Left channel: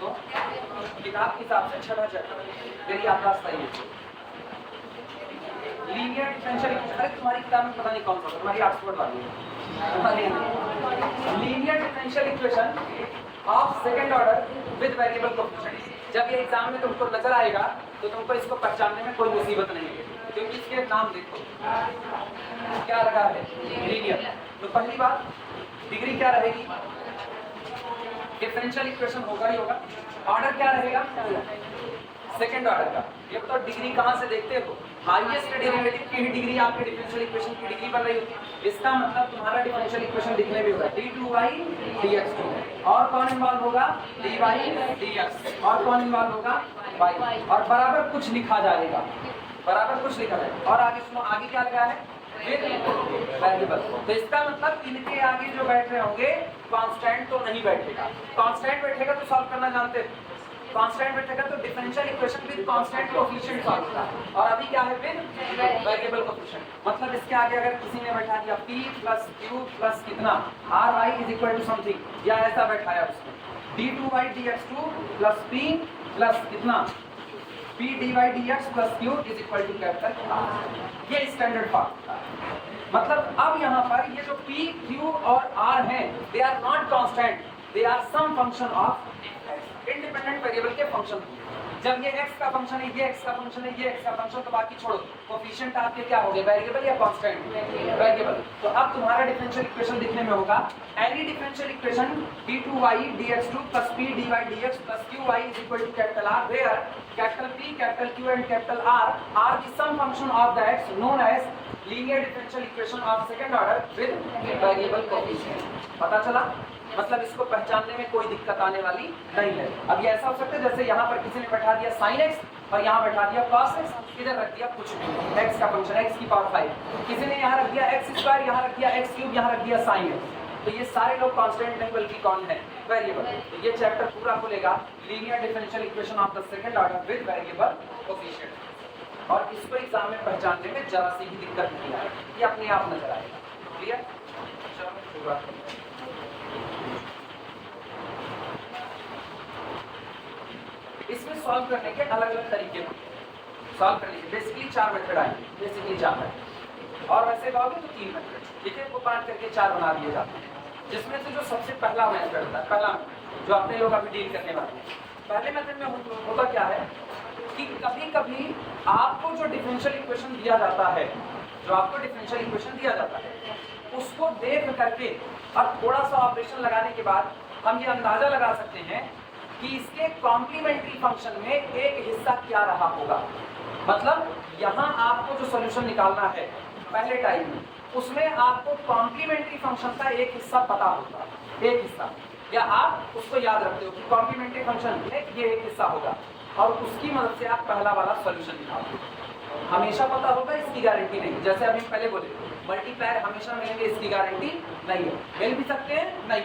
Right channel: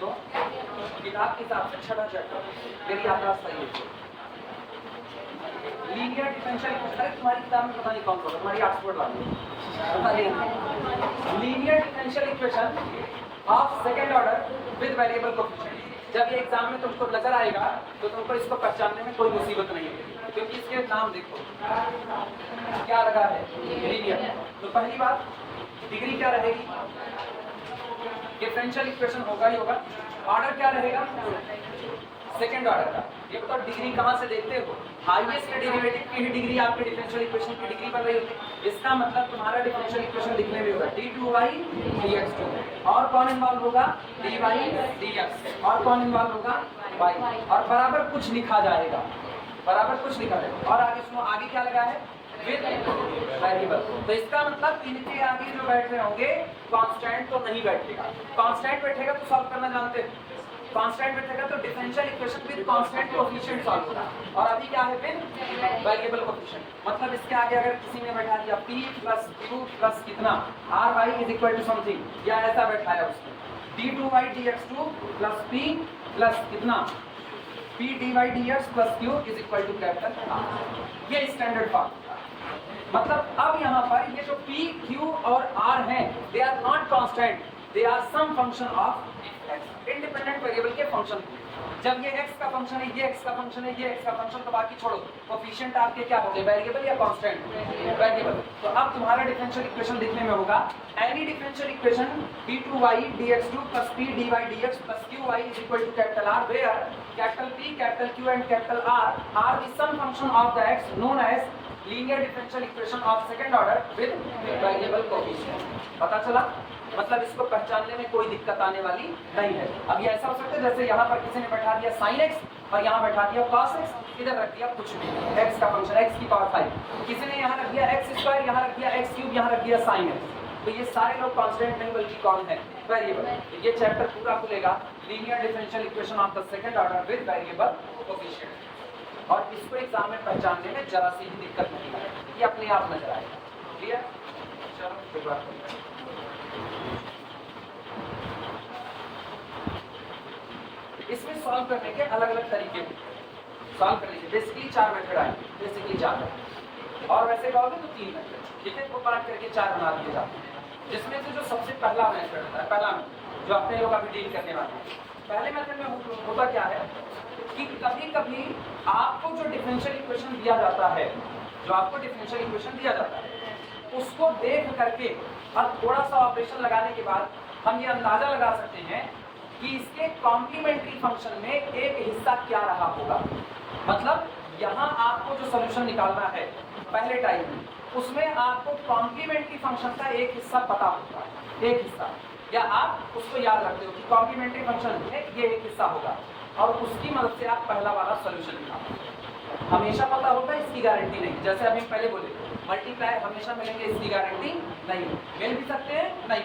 तो किताब के हिसाब से छठा चैप्टर यदि आपका सही है लीनियर डिफरेंशियल इक्वेशन। तुम्हारी किताब में पता नहीं कौन सा, तुम्हारी ऑक्सफोर्ड वाली है। Linear differential equation of second order with variable coefficient. जब ये एग्जाम में तुमको नजर आएगा तो तुमको इसको पहचानने में कोई मुसीबत नहीं है, क्योंकि इसके नाम देखो क्या लगा है, लीनियर। तो पहली बात डिग्री क्या रहेगी, डिफरेंशियल इक्वेशन होगा ही होगा। ऑर्डर क्या रहेगा, सेकंड ऑर्डर का। ये तो डिग्री कहाँ से देखते हो, हाईएस्ट डेरिवेटिव की ही डिग्री आपके डिफरेंशियल इक्वेशन की डिग्री बन रही होगी। इसका मतलब तुम्हारा डिफरेंशियल इक्वेशन दिखने में होगा d2y dx2, और कौन इन्वॉल्व होगा, dy dx, और कौन इन्वॉल्व होगा, y, और बराबर कुछ लिखा जाएगा, बराबर कुछ लिखा जाएगा। और आगे सुनो, आगे क्या लगा है, वेरिएबल। तो इसका मतलब इनके आगे जो बैठ रहे होंगे कांस्टेंट तो नहीं बैठेगा। कांस्टेंट बैठेगा तो सॉल्व करना जानते हैं, कांस्टेंट बैठेगा तो differential equation with constant coefficient solve होगा। और अभी क्या है, विद वेरिएबल कोएफिशिएंट। मतलब इसके आगे अगर किसी ने बैठा दिया p प्लस q प्लस कितना ry is equal to something, या ऐसा बैठाया उसने d2y dx2 plus p plus कितना p dy dx plus q is equal to capital R। ये स्टैंडर्ड फॉर्म। मतलब अब यहाँ पर ये जो p q और r हैं, they are not constant, they are some function of x, independent variable के फंक्शन। जब ये x का फंक्शन है, ये x का फंक्शन है, ये x का फंक्शन, तो बाकी छोड़ो, कोएफिशिएंट आपके क्या हो गए, वेरिएबल या कांस्टेंट, वेरिएबल। तो अब तुम्हारा डिफरेंशियल इक्वेशन दिखने में होगा any differential equation d2y dx2 plus p dy dx plus qy is equal to capital R, where capital P, capital Q and capital R are the sum function of the x known as linear differential equation of second order with variable coefficient। पता चला, मतलब इसको पहचानने में कोई दिक्कत आने वाली नहीं है। अब ये ऐसा हो सकता है जैसे यहाँ पर किसी ने बैठा दिया sin x और यहाँ बैठा दिया cos x, इधर रख दिया कुछ भी x का फंक्शन x की पावर 5, किसी ने यहाँ रख दिया x स्क्वायर, यहाँ रख दिया x क्यूब, यहाँ रख दिया sin x। तो ये सारे लोग कांस्टेंट नहीं बल्कि कौन है, वेरिएबल। तो ये चैप्टर पूरा खुलेगा linear differential equation of the second order with variable coefficient. और इसको एग्जाम में पहचानने में जरा सी भी दिक्कत नहीं है, ये अपने आप नजर आएगा। क्लियर, इसमें सॉल्व करने के अलग अलग तरीके होंगे। सॉल्व करने के बेसिकली 4 मेथड आएंगे, बेसिकली 4 मेथड, और वैसे कहोगे तो 3 मेथड, ठीक है। वो बात करके 4 बना दिए जाते हैं, जिसमें से जो सबसे पहला मेथड होता है, पहला जो अपने लोग अभी डील करने वाले हैं, पहले मेथड में होता क्या है कि कभी कभी आपको जो डिफरेंशियल इक्वेशन दिया जाता है, जो आपको डिफरेंशियल इक्वेशन दिया जाता है, उसको देख करके और थोड़ा सा ऑपरेशन लगाने के बाद हम ये अंदाजा लगा सकते हैं कि इसके कॉम्प्लीमेंट्री फंक्शन में एक हिस्सा क्या रहा होगा। मतलब यहाँ आपको जो सोल्यूशन निकालना है पहले टाइम में, उसमें आपको कॉम्प्लीमेंट्री फंक्शन का एक हिस्सा पता होगा, एक हिस्सा, या आप उसको याद रखते हो कि कॉम्प्लीमेंट्री फंक्शन में ये एक हिस्सा होगा, और उसकी मदद से आप पहला वाला सोल्यूशन निकालोगे। हमेशा पता होगा इसकी गारंटी नहीं, जैसे अभी पहले बोले मल्टीप्लायर हमेशा मिलेंगे इसकी गारंटी नहीं है, मिल भी सकते हैं, नहीं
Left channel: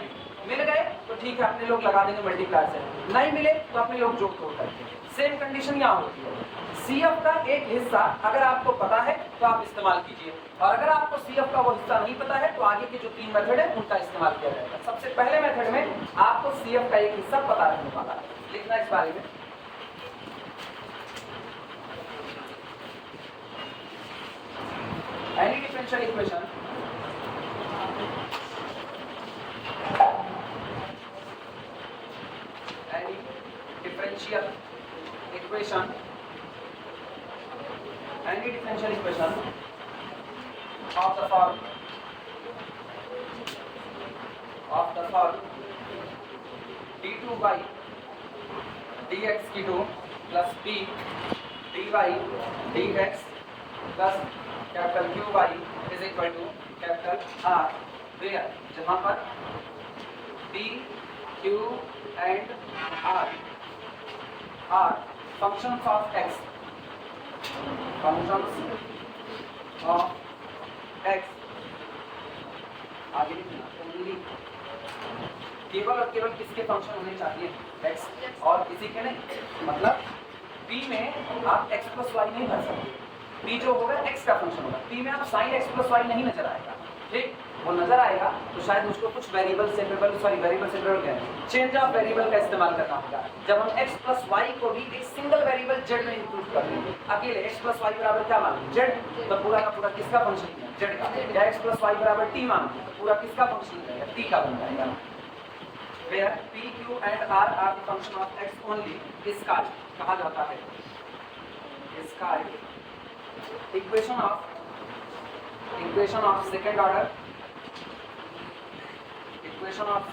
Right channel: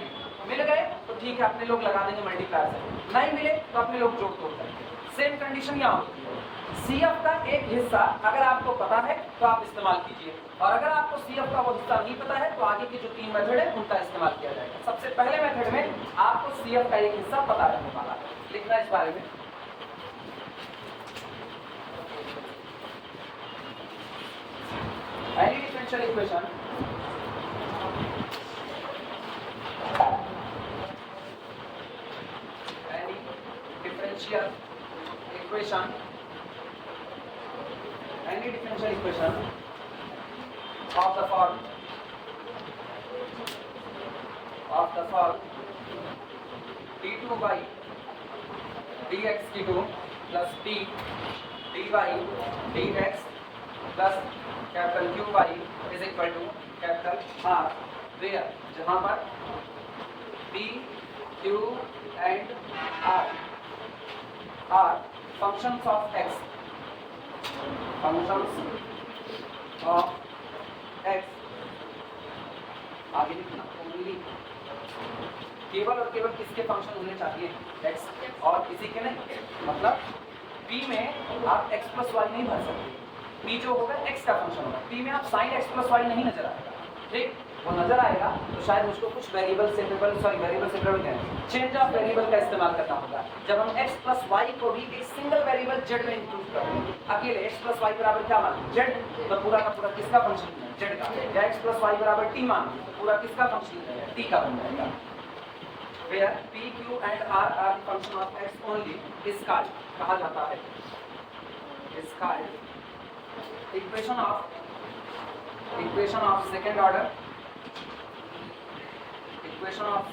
मिल गए तो ठीक है अपने लोग लगा देंगे मल्टीप्लायर से, नहीं मिले तो अपने लोग जोड़ तोड़ करेंगे। सेम कंडीशन यहाँ होती है, CF का एक हिस्सा अगर आपको पता है तो आप इस्तेमाल कीजिए, और अगर आपको CF का वो हिस्सा नहीं पता है तो आगे के जो 3 मेथड है उनका इस्तेमाल किया जाएगा। सबसे पहले मेथड में आपको CF का एक हिस्सा पता रहने वाला है, लिखना इस बारे में। Any differential equation of the form d2y dx2 plus p dy dx plus capital Qy is equal to capital R, where जहाँ पर p, q and r are functions of x, functions of x, आगे लिखना only, केवल और केवल किसके function होने चाहिए, x, और किसी के नहीं। मतलब p में आप x प्लस वाई नहीं भर सकते, p जो होगा x का फंक्शन होगा, p में आप sin x प्लस वाई नहीं नजर आएगा, ठीक। वो नजर आएगा तो शायद मुझको कुछ वेरिएबल सेपरेबल है, चेंज ऑफ वेरिएबल का इस्तेमाल करना होगा। जब हम x प्लस वाई को भी एक सिंगल वेरिएबल z में इंक्लूड कर देंगे, अकेले x प्लस वाई बराबर क्या मान z, तो पूरा का पूरा किसका फंक्शन है, z का, या x प्लस वाई बराबर t मान तो पूरा किसका फंक्शन है, t का बन जाएगा। Where p, q and r are the function of x only is called, कहा जाता है, is called equation of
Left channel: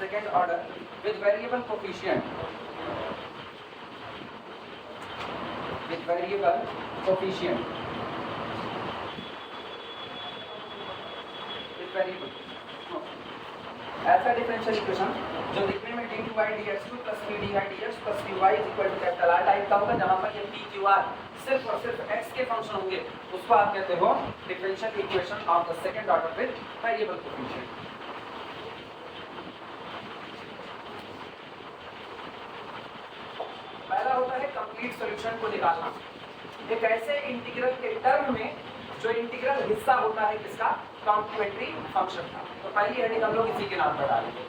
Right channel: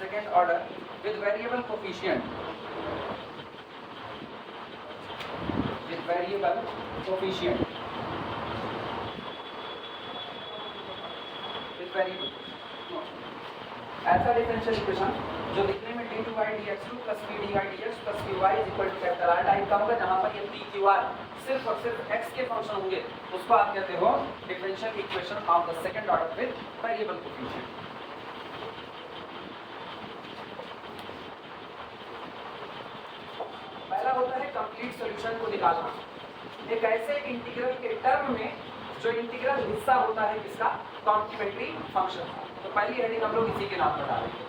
second order with variable coefficient ऐसा डिफरेंशियल इक्वेशन जो दिखने में d2 by dx2 plus p dy dx plus qy is equal to capital R type का होगा, जहाँ पर ये p q r सिर्फ और सिर्फ x के फंक्शन होंगे, उसको आप कहते हो differential equation of the second order with variable coefficient. पहला होता है कंप्लीट सॉल्यूशन को निकालना, एक ऐसे इंटीग्रल के टर्म में जो इंटीग्रल हिस्सा होता है किसका, कॉम्प्लीमेंट्री फंक्शन का। तो पहली हेडिंग हम लोग इसी के नाम पर डालेंगे।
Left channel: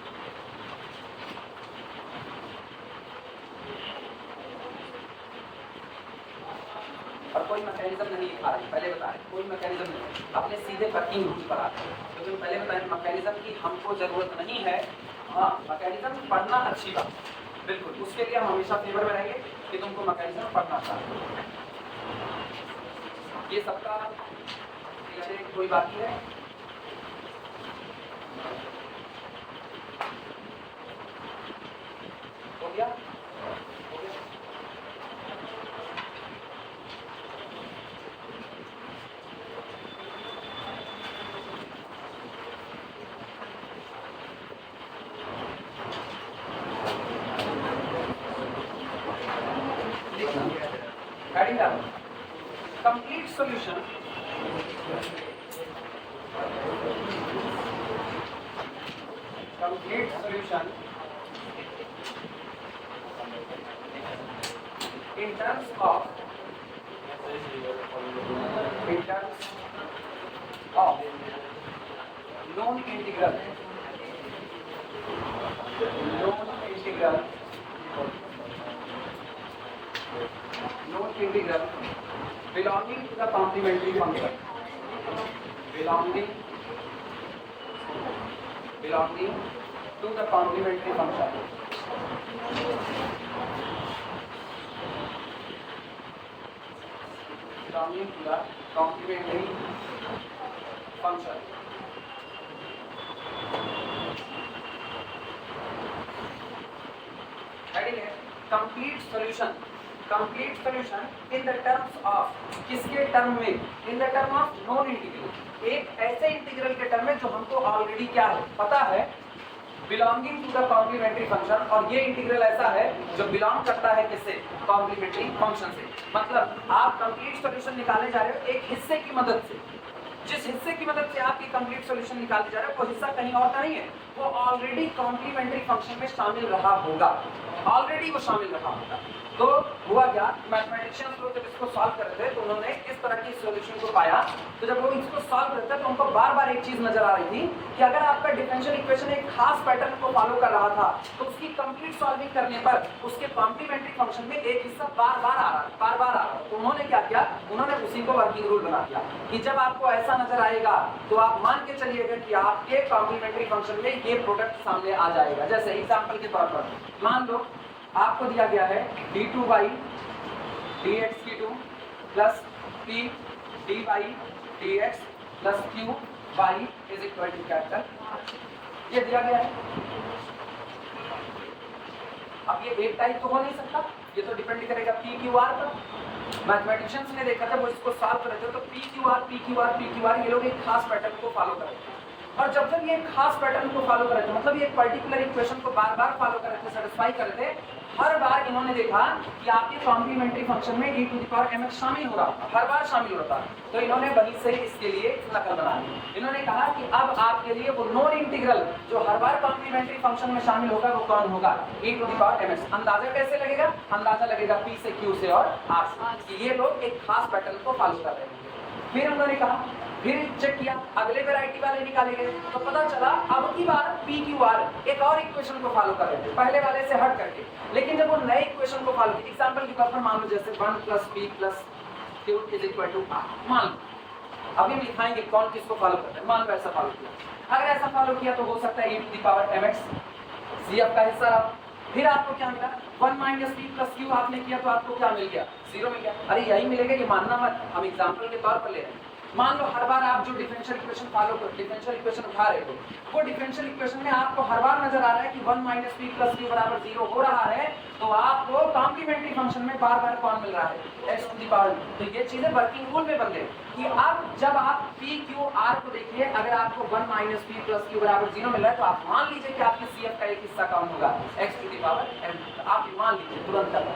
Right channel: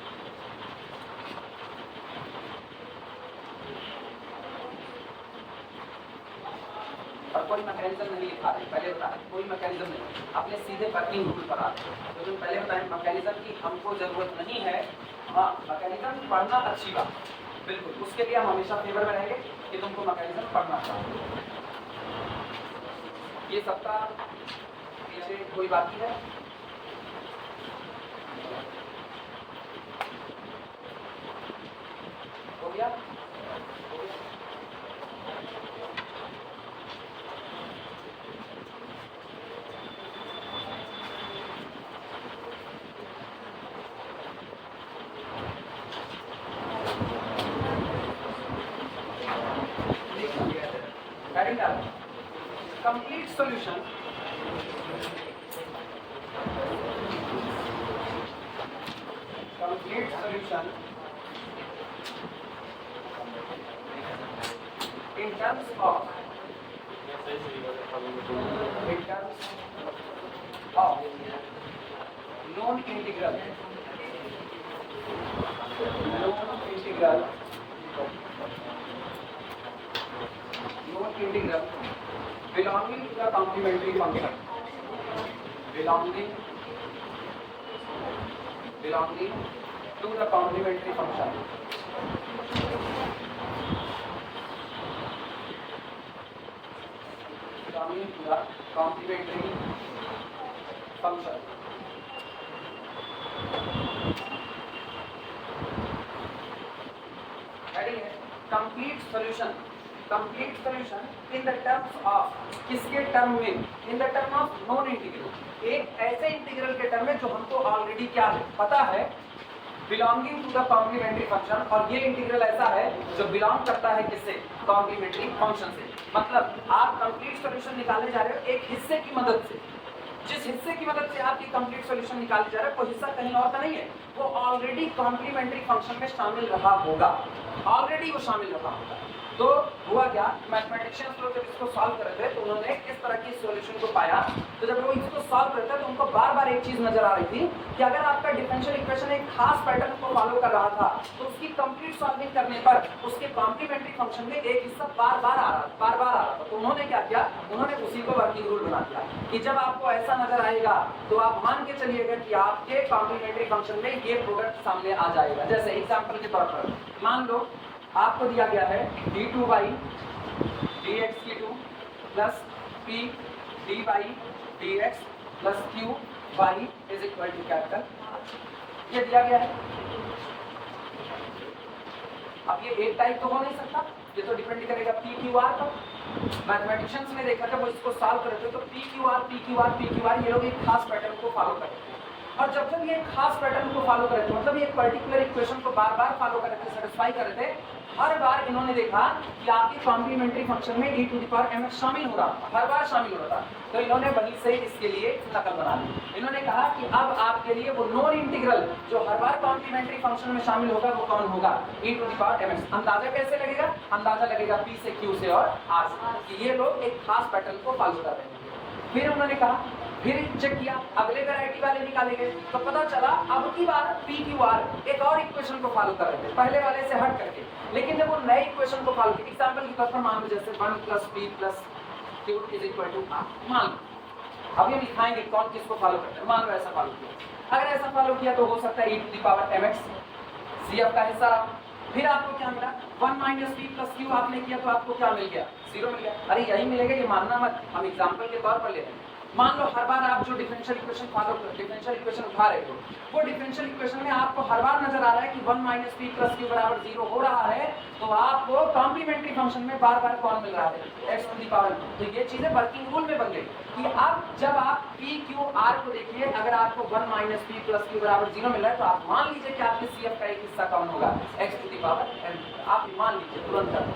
और कोई मैकेनिज्म नहीं लिखा है, पहले बता दें कोई मैकेनिज्म नहीं, अपने सीधे वर्किंग रूल पर आते हैं। लेकिन पहले बताएं मैकेनिज्म की हमको जरूरत नहीं है। हाँ, मैकेनिज्म पढ़ना अच्छी बात, बिल्कुल, उसके लिए हम हमेशा फेवर में रहेंगे कि तुमको मैकेनिज्म पढ़ना चाहिए। ये सबका कोई बाकी है? हो गया? Complete solution in terms of known integral belonging to the complementary function, belonging to the complementary function, complete solution in the terms of, किसके टर्म में, in the term of known integral, एक ऐसे इंटीग्रल के term में जो हमको already क्या है पता है, belonging to the complementary function, और ये इंटीग्रल ऐसा है जो बिलोंग करता है किससे, कॉम्प्लीमेंट्री फंक्शन से। मतलब आप कंप्लीट सॉल्यूशन निकालने जा रहे हो एक हिस्से की मदद से, जिस हिस्से की मदद से आपकी कंप्लीट सॉल्यूशन निकालने जा रहे हो वो हिस्सा कहीं और का नहीं है, वो ऑलरेडी कॉम्प्लीमेंट्री फंक्शन में शामिल रहा होगा, ऑलरेडी वो शामिल रहा होगा। तो हुआ क्या, मैथमेटिशियंस लोग जब इसको सॉल्व कर रहे थे तो उन्होंने इस तरह की सॉल्यूशन को पाया। तो जब वो इसको सॉल्व करते तो उनको बार बार एक चीज नजर आ रही थी कि अगर आपका डिफरेंशियल इक्वेशन एक खास पैटर्न को फॉलो कर रहा था तो उसकी कंप्लीट सॉल्विंग करने पर उसके कॉम्प्लीमेंट्री फंक्शन में एक हिस्सा बार बार आ रहा था। तो उन्होंने क्या किया, उन्होंने उसी को वर्किंग रूल बना दिया कि जब आपको ऐसा नजर आएगा तो आप मान के चलिएगा कि आपके कॉम्प्लीमेंट्री फंक्शन में ये प्रोडक्ट सामने आ जाएगा। जैसे एग्जाम्पल के तौर पर मान लो आपको दिया गया है d2 by dx2 plus p dy dx plus q y is equal to capital, ये दिया गया है। अब ये एक टाइप तो हो नहीं सकता, ये तो डिपेंड करेगा p q r पर। मैथमेटिशियंस ने देखा था वो इसको सॉल्व कर रहे थे तो p q r ये लोग एक खास पैटर्न को फॉलो कर रहे थे, और जब तक ये खास पैटर्न को फॉलो कर रहे थे, मतलब ये पर्टिकुलर इक्वेशन को बार बार फॉलो कर रहे थे, सेटिस्फाई कर रहे थे, हर बार इन्होंने देखा कि आपके कॉम्प्लीमेंट्री फंक्शन में e to the power mx शामिल हो रहा था, हर बार शामिल होता। तो इन्होंने वहीं से इसके लिए नकल बना ली। इन्होंने कहा कि अब आपके लिए वो नोन इंटीग्रल जो हर बार कॉम्प्लीमेंट्री फंक्शन में शामिल होगा वो कौन होगा, e to the power mx। अंदाजा कैसे लगेगा, अंदाजा लगेगा p से q से और r से, ये लोग एक खास पैटर्न को फॉलो कर रहे हैं। फिर उन्होंने कहा फिर चेक किया, अगले वैरायटी वाले निकाले गए, तो पता चला अब की बार पी क्यू आर एक और इक्वेशन को फॉलो कर रहे थे पहले वाले से हट करके। लेकिन जब वो नए इक्वेशन को फॉलो, एग्जांपल के तौर पर मान लो जैसे 1 + p + q = r, मान लो अभी हम लिखाएंगे कौन किसको फॉलो करते हैं। मान लो ऐसा फॉलो किया, अगर ऐसा फॉलो किया तो हो सकता है e⁻mx CF का हिस्सा रहा। फिर आपको क्या मिला, 1 - p + q आपने किया तो आपको क्या मिल गया, 0 मिल गया। अरे यही मिलेगा, ये मानना मत, हम एग्जांपल के तौर पर ले रहे हैं। मान लो हर बार आप जो डिफरेंशियल इक्वेशन फॉलो कर, डिफरेंशियल इक्वेशन उठा रहे हो, वो डिफरेंशियल इक्वेशन में आपको हर बार नजर आ रहा है कि 1 - p + q = 0 हो रहा है, तो आपको कॉम्प्लीमेंट्री फंक्शन में बार बार कौन मिल रहा है, x⁻। तो ये चीजें वर्किंग रूल में बदले कि अब जब आप p q r को देखिए, अगर आपको 1 - p + q = 0 मिल रहा है तो आप मान लीजिए कि आपके CF का एक हिस्सा कौन होगा, x⁻n। आप मान लीजिए तुरंत करना।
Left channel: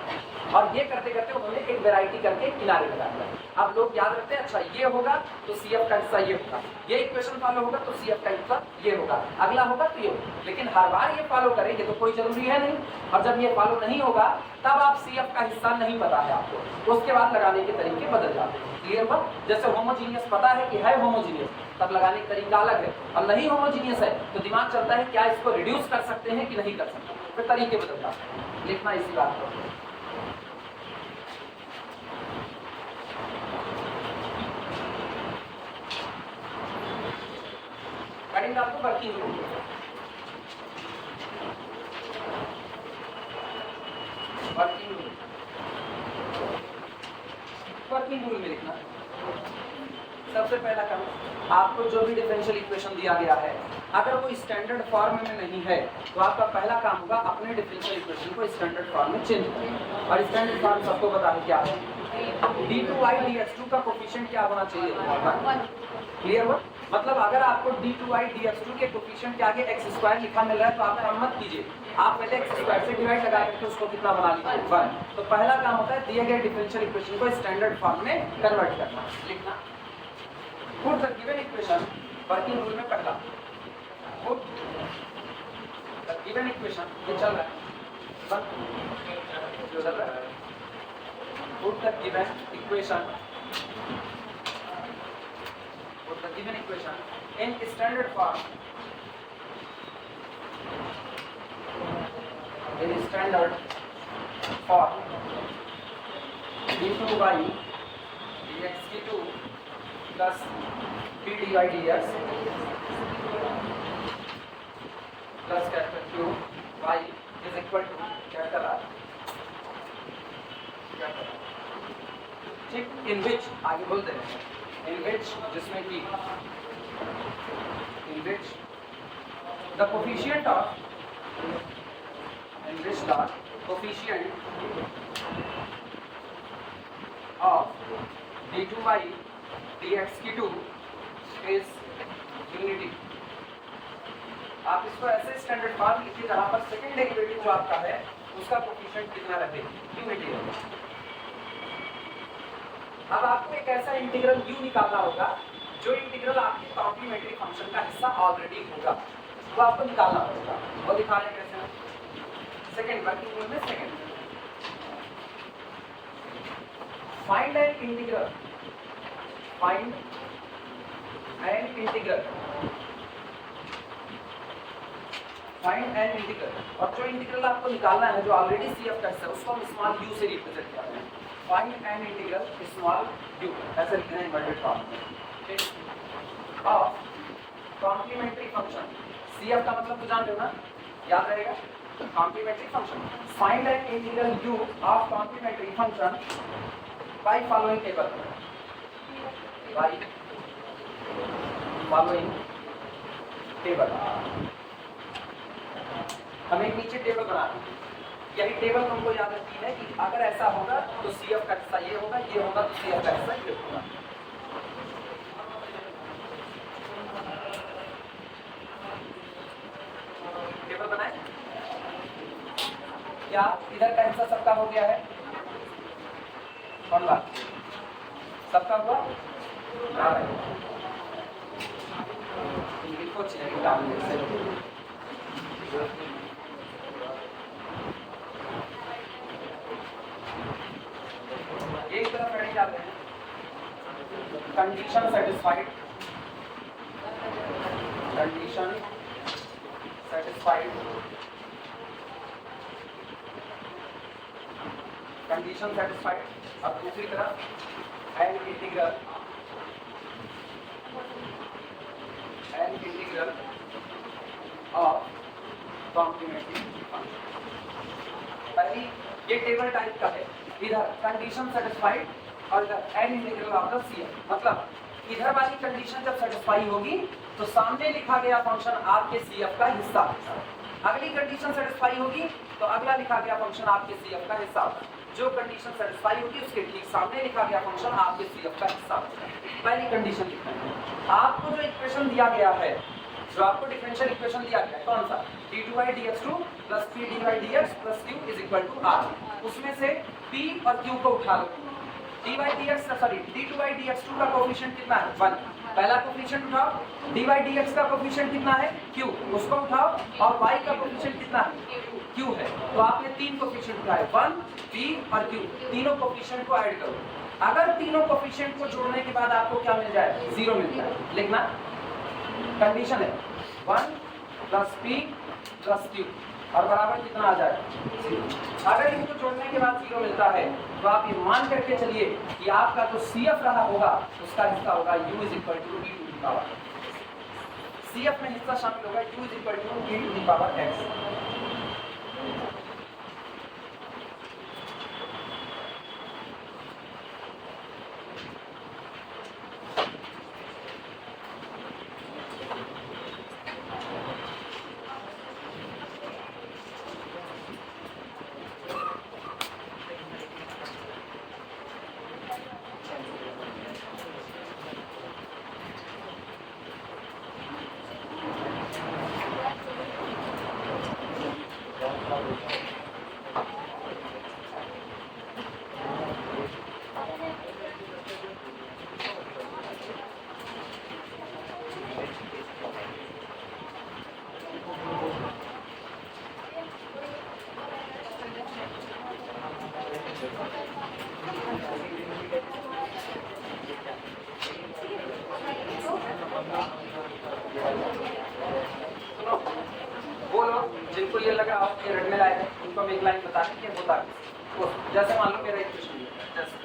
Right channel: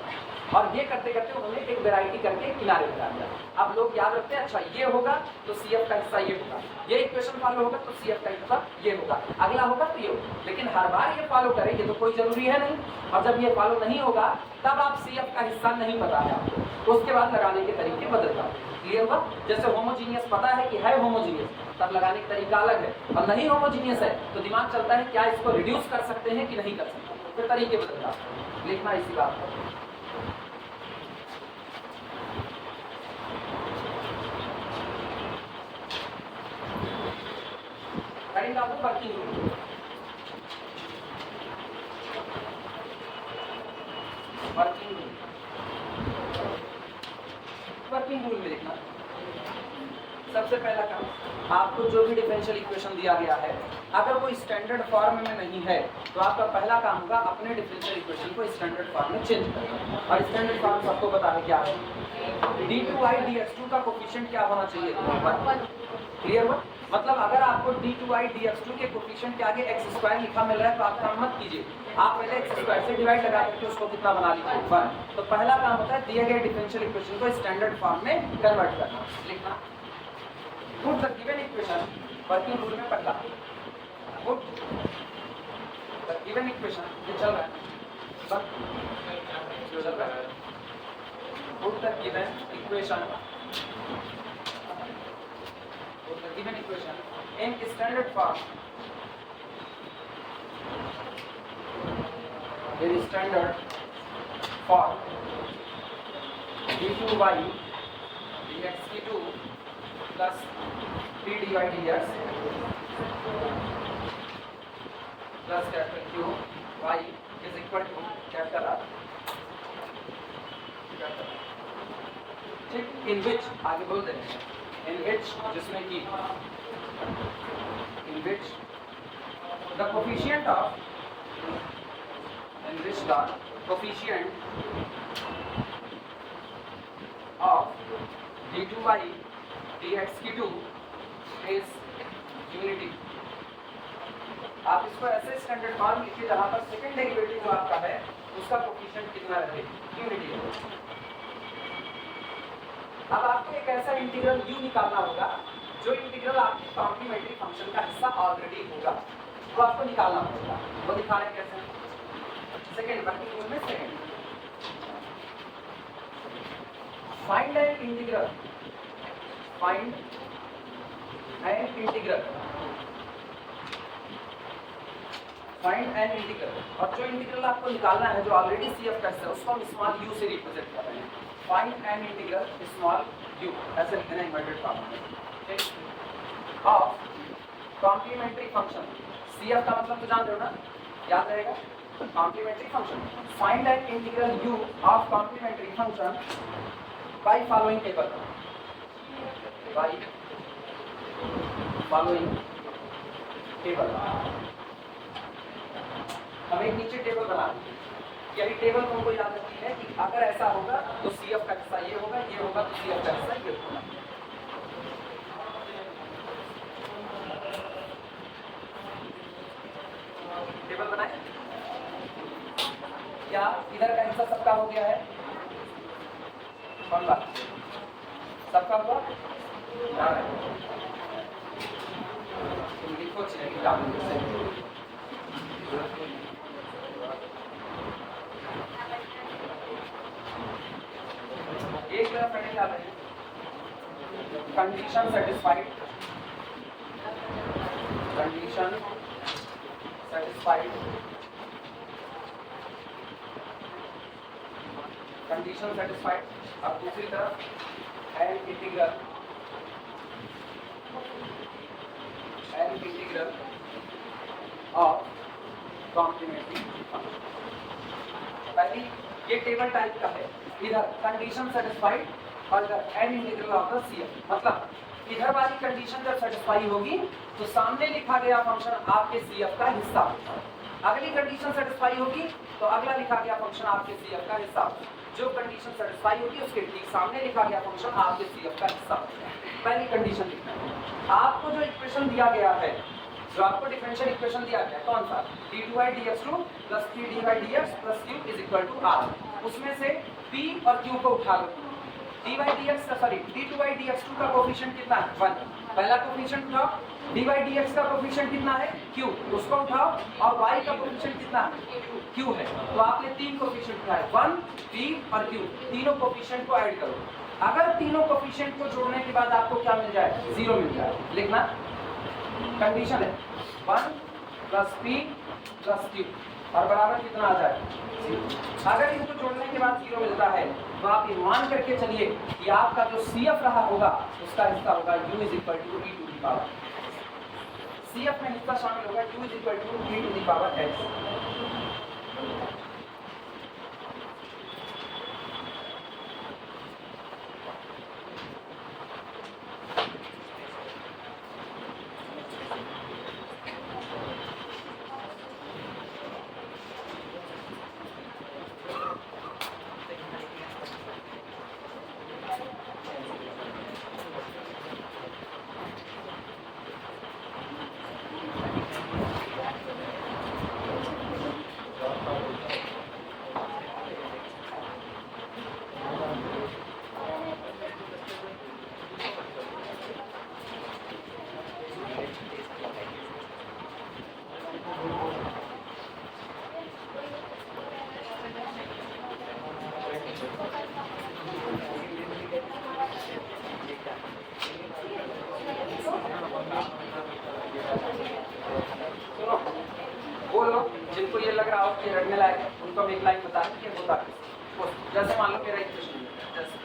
और ये करते करते उन्होंने एक वैरायटी करके किनारे लगा दिया। अब लोग याद रखते हैं, अच्छा ये होगा तो CF का हिस्सा ये होगा, ये इक्वेशन फॉलो होगा तो CF का हिस्सा ये होगा, अगला होगा तो ये होगा। लेकिन हर बार ये फॉलो करेंगे तो कोई जरूरी है नहीं। और जब ये फॉलो नहीं होगा तब आप CF का हिस्सा नहीं पता है आपको, उसके बाद लगाने के तरीके बदल जाते हैं। क्लियर हुआ? जैसे होमोजीनियस पता है कि है होमोजीनियस, तब लगाने का तरीका अलग है, और नहीं होमोजीनियस है तो दिमाग चलता है क्या इसको रिड्यूस कर सकते हैं कि नहीं कर सकते, फिर तरीके बदल जाते हैं। लिखना इसी बात को। करेंगे आपको वर्किंग रूल, वर्किंग रूल में लिखना। सबसे पहला काम, आपको जो भी डिफरेंशियल इक्वेशन दिया गया है अगर वो स्टैंडर्ड फॉर्म में नहीं है तो आपका पहला काम होगा अपने डिफरेंशियल इक्वेशन को स्टैंडर्ड फॉर्म में चेंज करना। और स्टैंडर्ड फॉर्म सबको पता है क्या है, d2y dx2 का कोफिशिएंट क्या होना चाहिए, 1। क्लियर हुआ? मतलब अगर आपको d2y dx2 के कोफिशिएंट के आगे x² लिखा मिल रहा है तो आप काम मत कीजिए, आप पहले x² से डिवाइड लगा करके उसको कितना बना लीजिए, 1। तो पहला काम होता है दिए गए डिफरेंशियल इक्वेशन को स्टैंडर्ड फॉर्म में कन्वर्ट करना। लिखना, put the given equation, working rule में पहला पुट द गिवन इक्वेशन, ये चल रहा है, चल रहा है, put the given equation in standard form, d2y dx2 plus p dy dx plus capital Q y is equal to capital R, ठीक, इन विच आगे बोल दें, इन विच जिसमें कि in which the coefficient of, in which the coefficient of d2y dx2 is unity. आप इसको ऐसे standard form लिखिए जहां पर सेकंड डेरिवेटिव जो आपका है उसका कोफिशिएंट कितना रहे, यूनिटी है। अब आपको एक ऐसा इंटीग्रल u निकालना होगा जो इंटीग्रल आपकी कॉम्प्लीमेंट्री फंक्शन का हिस्सा ऑलरेडी होगा, वो आपको निकालना पड़ेगा। वो दिखाने कैसे, सेकंड वर्किंग रूल में second, find an integral, find an integral, find an integral. और जो इंटीग्रल आपको निकालना है जो ऑलरेडी CF का हिस्सा है उसको हम स्मॉल u से रिप्रेजेंट कर रहे हैं। Find an integral small u, ऐसे लिखते हैं इन्वर्टेड फॉर्म में, ठीक। ऑफ कॉम्प्लीमेंट्री फंक्शन, CF का मतलब तो जान रहे हो ना, याद रहेगा, complementary function. Find an integral u of complementary function by following table, by following table. हम एक नीचे टेबल बना रहे हैं, यही टेबल हमको याद रखनी है कि अगर ऐसा होगा तो CF का हिस्सा ये होगा, ये होगा तो CF का हिस्सा ये होगा। टेबल बनाए क्या, इधर का हिस्सा सबका हो गया है, सबका हुआ, लिखो condition satisfied, condition satisfied, condition satisfied. अब दूसरी तरफ and integral of complementary function. पहली ये टेबल टाइप का है, इधर कंडीशन सेटिस्फाइड और इधर and integral of the CF. मतलब इधर वाली कंडीशन जब सेटिस्फाई होगी तो सामने लिखा गया फंक्शन आपके सीएफ का हिस्सा होगा। अगली कंडीशन सेटिस्फाई होगी तो अगला लिखा गया फंक्शन आपके सीएफ का हिस्सा होगा। जो कंडीशन सेटिस्फाई होगी उसके ठीक सामने लिखा गया फंक्शन आपके सीएफ का हिस्सा होगा। पहली कंडीशन लिखना है। आपको जो इक्वेशन दिया गया है, जो आपको डिफरेंशियल इक्वेशन दिया गया है कौन सा, d2/dx2 + 3d/dx + q = r, उसमें से p और q को उठा लो। d2/dx2 का कोफिशिएंट कितना है 1, पहला कोफिशिएंट उठाओ। d/dx का कोफिशिएंट कितना है q, उसको उठाओ। और y का कोफिशिएंट कितना है q है, तो आपने तीन कोफिशिएंट उठाए 1, p और q, तीनों कोफिशिएंट को ऐड करो। अगर तीनों कोफिशिएंट को जोड़ने के बाद आपको क्या मिल जाए, 0 मिल जाए, लिखना कंडीशन है 1 + p + q और बराबर कितना आ जाए 0। अगर इनको जोड़ने के बाद 0 मिलता है तो आप ये मान करके चलिए कि आपका जो CF रहा होगा उसका हिस्सा होगा u = e to the power। CF में हिस्सा शामिल होगा u = e to the power x। वो लोग जिनको ये लग रहा हो कि रटने लायक है उनको हम एक लाइन बता दें कि होता है। जैसे मान लो मेरा इक्वेशन है जैसे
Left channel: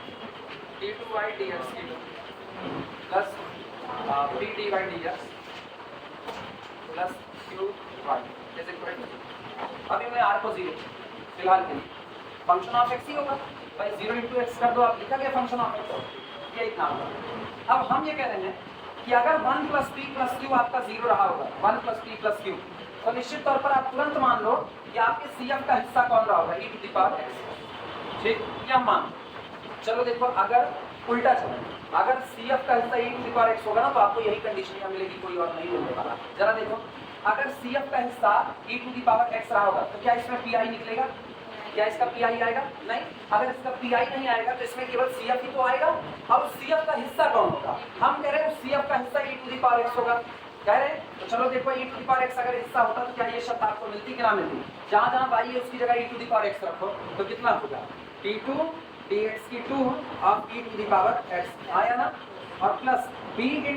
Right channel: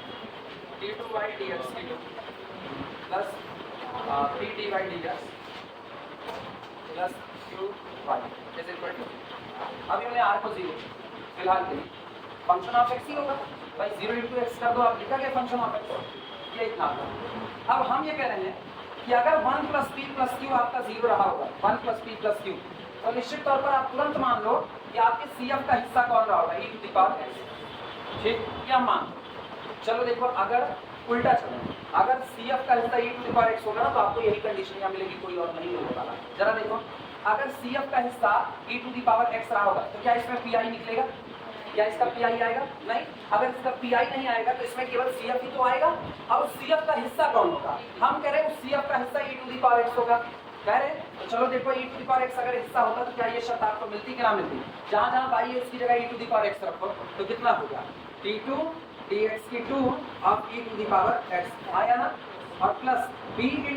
d2/dx plus 3d/dx plus qy जैसे अभी हमने r को 0 फिलहाल के लिए फंक्शन ऑफ x ही होगा भाई, 0 × x कर दो, आप लिखा गया फंक्शन ऑफ x, ये इतना होगा। अब हम ये कह रहे हैं कि अगर 1 + p + q आपका 0 रहा होगा, 1 + p + q, तो निश्चित तौर पर आप तुरंत मान लो कि आपके CF का हिस्सा कौन रहा होगा, e to the power x। ठीक, क्या मान, चलो देखो अगर उल्टा चले, अगर CF का हिस्सा e to the power x होगा ना तो आपको यही कंडीशन यहाँ मिलेगी, कोई और नहीं मिलने वाला। जरा देखो अगर CF का हिस्सा e to the power x रहा होगा तो क्या इसमें pi निकलेगा, क्या इसका pi आएगा, नहीं। अगर इसका pi नहीं आएगा तो इसमें केवल CF ही तो आएगा। अब उस CF का हिस्सा कौन होगा, हम कह रहे हैं उस CF का हिस्सा e to the power x होगा, कह रहे हैं। तो चलो देखो e to the power x अगर हिस्सा होता तो क्या ये शब्द आपको मिलती कि ना मिलती, जहाँ जहाँ y है उसकी जगह e to the power x रखो तो कितना होगा d2/dx2 of e to the power x आया ना, और plus b ×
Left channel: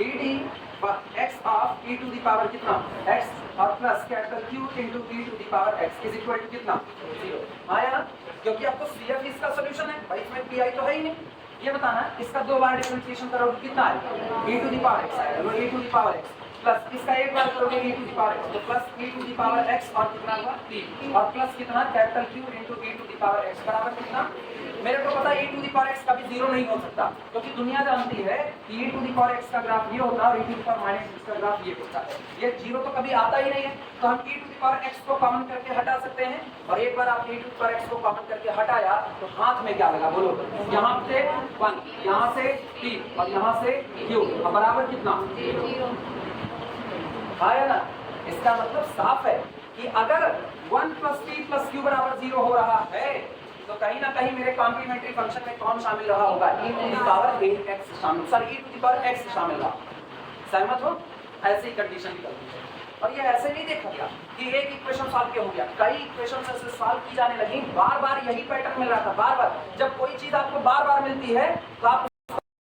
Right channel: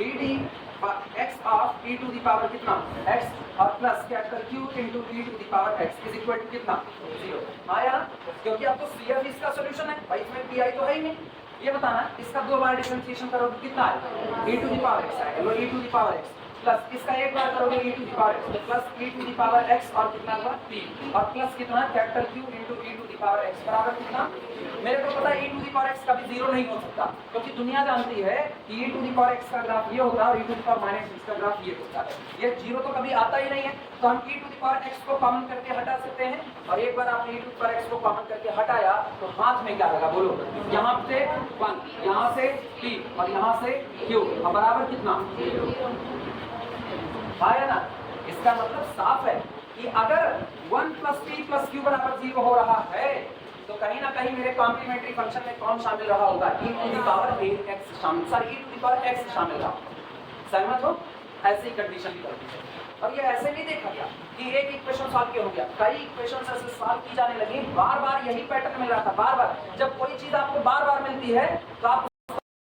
dd/x of e to the power कितना x और plus capital Q × e to the power x is equal to कितना 0 आया ना, क्योंकि आपको CF इसका सॉल्यूशन है भाई, इसमें pi तो है ही नहीं। ये बताना इसका 2 बार डिफरेंशिएशन करोगे कितना आएगा, e to the power x आएगा, e to the power x plus इसका एक बार करोगे e to the power x, तो plus e to the power x और कितना होगा p और प्लस कितना capital Q × e to the power x बराबर कितना, मेरे को पता है e to the power x कभी 0 नहीं हो सकता, क्योंकि दुनिया जानती है कि e to the power x का ग्राफ ये होता है और e to the power -x का ग्राफ ये होता है, ये 0 तो कभी आता ही नहीं है। तो हम e to the power x को कॉमन करके हटा सकते हैं, और एक बार आपने e to the power x को कॉमन करके हटाया तो हाथ में क्या लगा बोलो, यहाँ से 1, यहाँ से p और यहाँ से q और बराबर कितना है ना। इसका मतलब साफ है कि अगर 1 + p + q बराबर 0 हो रहा है तो कहीं ना कहीं मेरे कॉम्प्लीमेंट्री फंक्शन में कौन शामिल रहा होगा, e to the power x शामिल, sorry e to the power x शामिल रहा। सहमत हो, ऐसे ही कंडीशन निकलती है। और ये ऐसे नहीं देखा गया कि एक इक्वेशन सॉल्व के हो गया, कई इक्वेशन ऐसे सॉल्व की जाने लगी, बार बार यही पैटर्न मिल रहा था। बार बार जब कोई चीज आपको बार बार मिलती है तो आप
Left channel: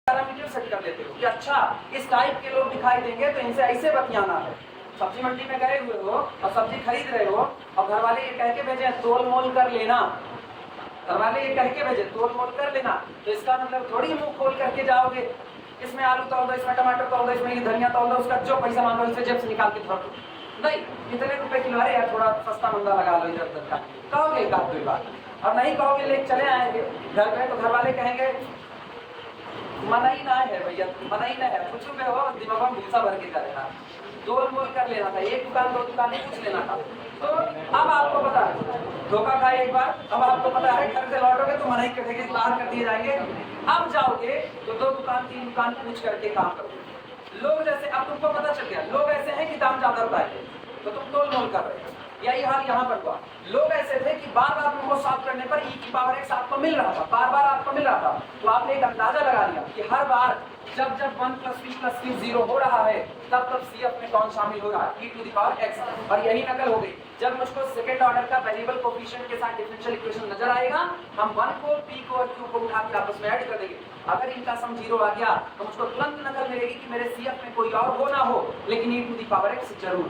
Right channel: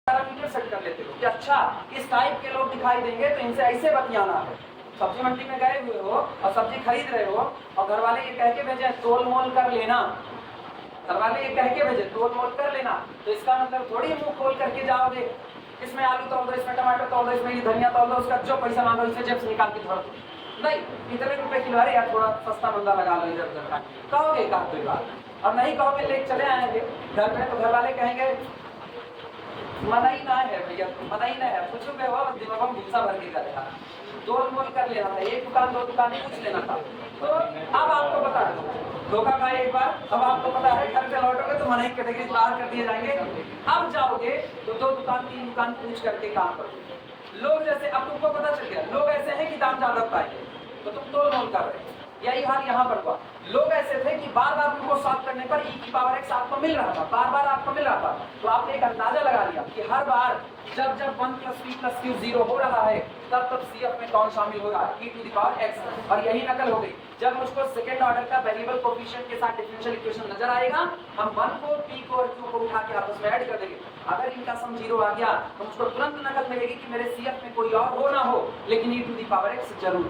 पैरामीटर सेट कर लेते हो कि अच्छा इस टाइप के लोग दिखाई देंगे तो इनसे ऐसे बतियाना है। सब्जी मंडी में गए हुए हो और सब्जी खरीद रहे हो और घर वाले ये कह के भेजे तोल मोल कर लेना, घर वाले ये कह के भेजे तोल मोल कर लेना, तो इसका मतलब थोड़ी मुंह खोल करके जाओगे इसमें आलू तोल दो, इसमें टमाटर तोल दो, इसमें ये धनिया तोल दो, उसका जो पैसा मांगो इसे जेब से निकाल के धर दो। नहीं, इतने रुपए किलो, अरे यार थोड़ा सस्ता मंदा लगा लो इधर उधर का, कहोगे एक आध दो बार, और नहीं कहोगे लेके चले आएंगे घर में तो घर वाले कहेंगे मना ही ना है भैया, मना ही ना है, कुछ में हो दिमाग में भूसा भर के करेगा, तोल मोल कर लेना था, एक दुकान दो दुकान ही पूछ लेना था। तो अब आपको पता है धोखा खाए एक बार, अब आपको पता है घर से लौटोगे तो मनाही कटेगी, बाहर कर दिए जाएंगे। अब जाओगे तो दो दुकान तीन दुकान पूछ करके काम करोगे। लोग जैसे अब तुमको पता चल गया लोग ऐसे हैं कि दाम ज्यादा बताएंगे तो तुम तोल मोल कर रहे हो, यही हाल यहाँ पर हुआ। लोग ऐसे थे कि बार बार उनको सॉल्व करने पर e की पावर x आपको मिल रहा था, बार बार आपको मिल रहा था, तो आपने एक अंदाजा लगा लिया कि हर बार जब जब 1 + p + q 0 हो रहा है तब तब CF में कौन शामिल होगा, e to the power x। और यही नकल हो गई। जब मुझको सेकेंड ऑर्डर का वेरिएबल कोफिशिएंट के साथ डिफरेंशियल इक्वेशन नजर आएगा, हम 1 को p को और q को उठा के आपस में ऐड कर देंगे। अगर इनका सम 0 आ गया तो मुझको तुरंत नकल मिलेगी कि मेरे CF में कोई और हो ना हो लेकिन e to the power x जरूर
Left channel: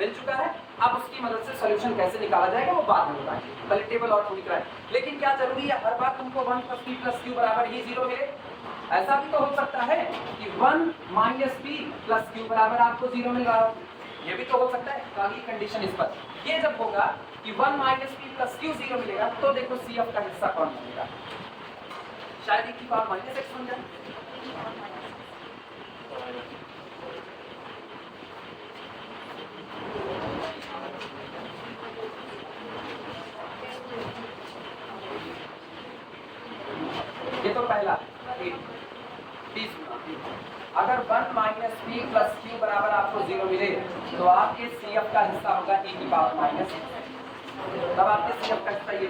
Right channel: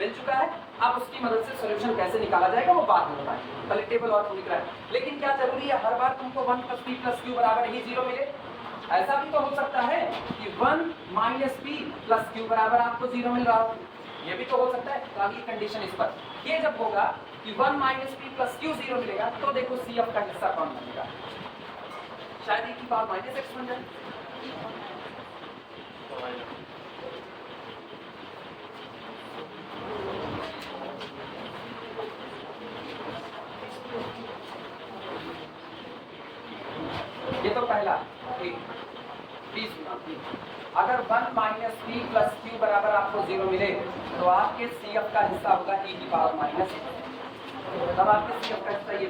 मिल चुका है। अब उसकी मदद से सॉल्यूशन कैसे निकाला जाएगा वो बाद में बताएंगे, पहले टेबल और लिख रहा है। लेकिन क्या जरूरी है हर बार तुमको 1 + p + q बराबर ही 0 मिले? ऐसा भी तो हो सकता है कि 1 - p + q बराबर आपको 0 मिल रहा हो, ये भी तो हो सकता है। तो अगली कंडीशन इस पर ये जब होगा कि 1 - p + q 0 मिलेगा तो देखो CF का हिस्सा कौन बनेगा, शायद e की पावर -x बन जाए। ये तो पहला 20 अगर 1 - p + q बराबर आपको 0 मिले तो आपके CF का हिस्सा होगा e की पावर माइनस, तब आपके CF का हिस्सा ये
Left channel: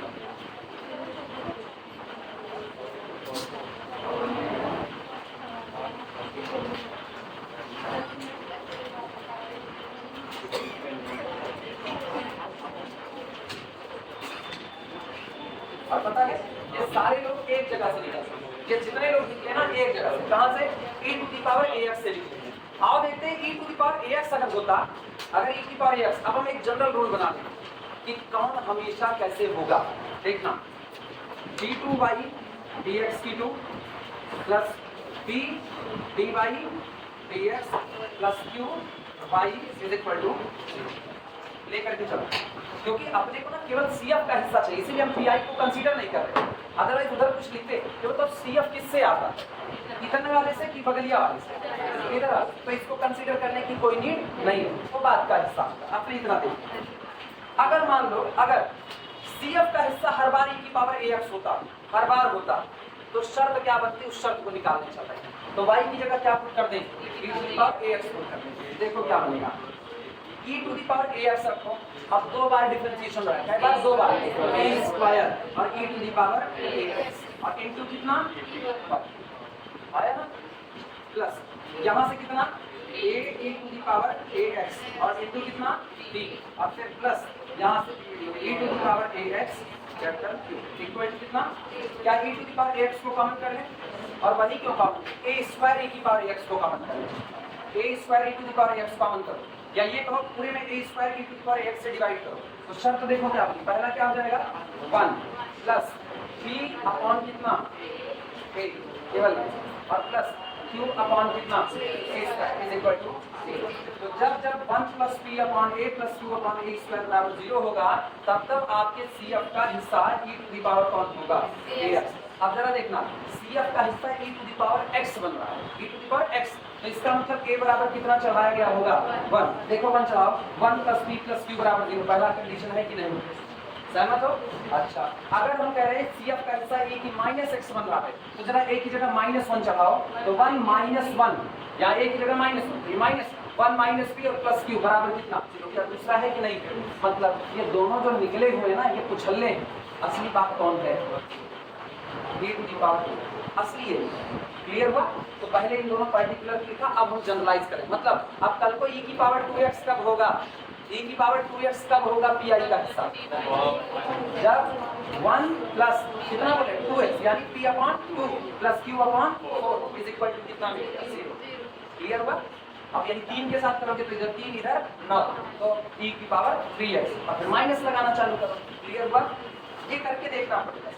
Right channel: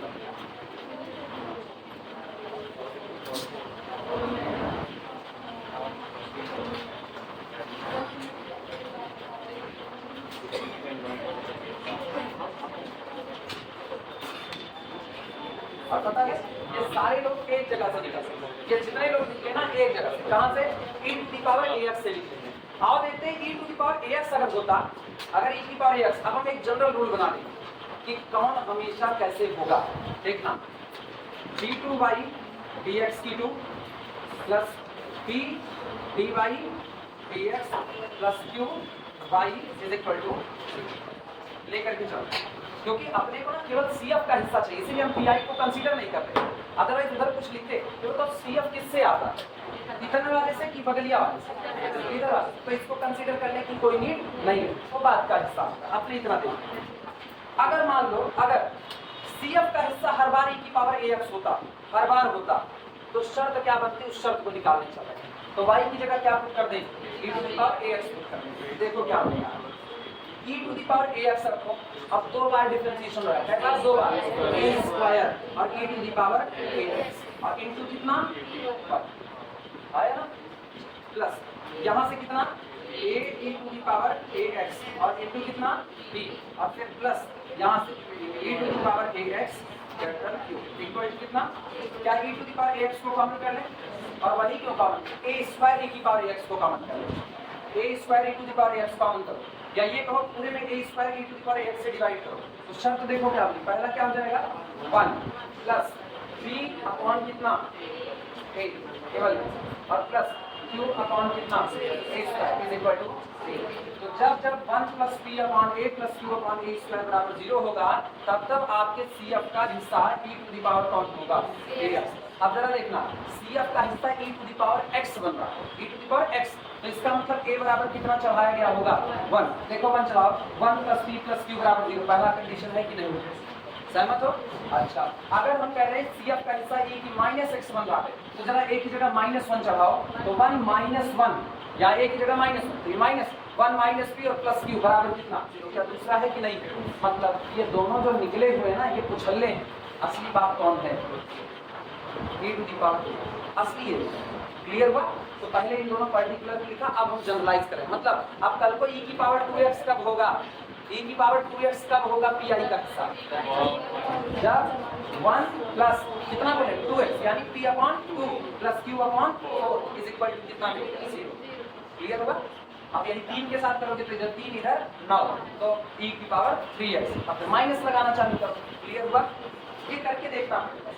और पता है ये सारे लोग एक जगह से निकल सकते हैं, ये जितने लोग निकले ना एक जगह से, कहां से, e to the power ax से निकले हैं। आओ देखते हैं e to the power ax अगर होता, अगर e की पावर ax, अब हम एक जनरल रूल बना दें कि कौन हमेशा कैसे होगा। देखना d2 dx की 2 plus p dy dx plus q y is equal to लेकर के चलो, क्योंकि अपने को ना केवल CF का हिस्सा चाहिए, इसीलिए हम PI को कंसीडर नहीं कर रहे। अदरवाइज उधर कुछ लिखते तो CF किससे आता, इतने वाले से कि बगलिया वाले से, इधर आ, तो इसको कंसीडर करने की कोई नीड नहीं है, वो बात का हिस्सा अपने इतना देखिए। अगर मान लो अगर CF का हिस्सा हर बार e की पावर ax होता, हर बार होता, तो शर्त क्या बनती, उस शर्त को निकालना चाहता है तो y की जगह क्या पुट कर दें, e to the power ax put कर दें। देखो क्या बनेगा, e to the power ax रखो, अब 2 बार डिफरेंशिएशन हो रहा है, 2 बार a² और e to the power ax और इनटू कितना आया ना, प्लस यहाँ से कितना a e to the power ax और इनटू कितना b और फिर प्लस यहाँ से e to the power ax capital q equal कितना, क्या e to the power ax को कॉमन कर लें और वही क्यों कॉमन, a² e की पावर ax को कॉमन कर लें, a² e to the power ax common करो, या ये कहो पूरे में a² e to the power x से डिवाइड करो। तो शर्त देखो क्या होगी, पहला क्या हो जाएगा 1 प्लस p अपॉन कितना a केवल और प्लस q अपॉन कितना a² is equal to a। तो जब जब 1 plus p upon a plus q upon a² बराबर 0 होगा तब तब आपके CF का हिस्सा e टू द पावर कौन होगा ax। अब जरा देखना CF का हिस्सा e to the power x बन रहा है, e to the power x, तो इसका मतलब a बराबर कितना चढ़ाया गया होगा 1। देखो 1 चढ़ाओ, 1 प्लस p प्लस q बराबर 0, पहला कंडीशन है कि नहीं, सहमत हो। अच्छा अगर हम कह रहे हैं CF का हिस्सा a की -x बन रहा है तो जरा a की जगह -1 चढ़ाओ, तो 1 - 1 या a की जगह -1 -p और प्लस q बराबर कितना 0, क्या दूसरा है कि नहीं, मतलब ये दोनों जो निकले हुए ना ये पुछले हैं, असली बात कौन है, e टू द पावर असली है। क्लियर हुआ, तो पहले इन दोनों पर्टिकुलर लिखा, अब हम जनरलाइज करें, मतलब अब कल को e की पावर 2x कब होगा, e की पावर 2x कब होगा PI का हिस्सा, जब 1 प्लस कितना बोले 2x यानी p upon 2 plus q upon 4 is equal to कितना मिलेगा 0। क्लियर हुआ? अब यानी 3 के साथ करोगे तो इधर 3 इधर 9 तो e की पावर 3x और फिर माइनस लगाना चालू करो। क्लियर हुआ? ये करके देखना पड़ेगा।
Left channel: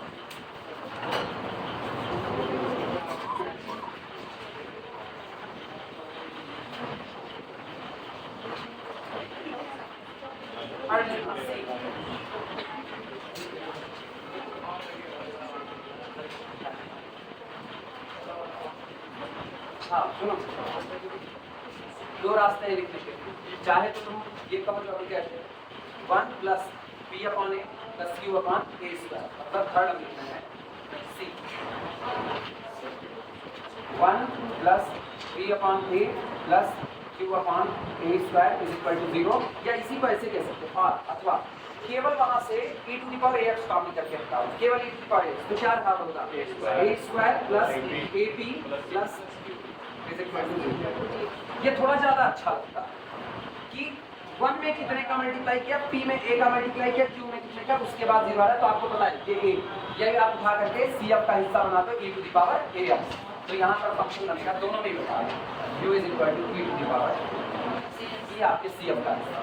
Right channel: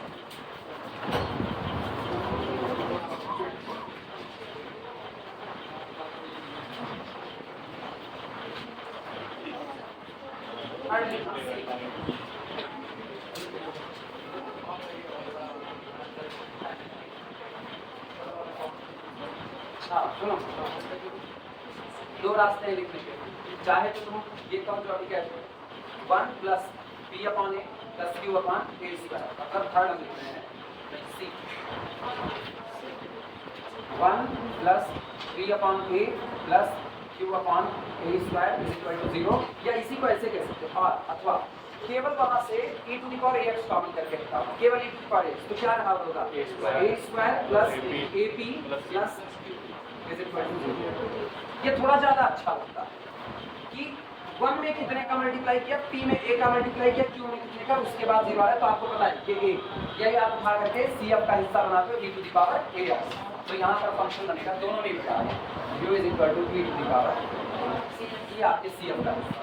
हाँ सुनो, दो रास्ते हैं लिखने के। चाहे तो तुम ये कहो जो क्या है 1 plus p upon a plus q upon a square, मतलब थर्ड हम लिखते हैं c 1 plus p upon a plus q upon a square is equal to 0, या इसी को ऐसे कह सकते हैं और अथवा केवल वहां से e to the power ax copy करके रखा हुआ, केवल e to the power ax, तो क्या रहा होगा a square plus ap plus is equal to 0। ये थोड़ा ज्यादा अच्छा लगता है कि 1 में कितने का मल्टीप्लाई किया, p में a का मल्टीप्लाई किया, q में कितने का, उसके बाद 0 आया तो आपको पता है कि a, यही आप उठा करके cf का हिस्सा बनाते हो e to the power ax, तो यहाँ पर फंक्शन बनेगा दोनों में ही बता है u is equal to e to the power c, ये आपके cf का हिस्सा।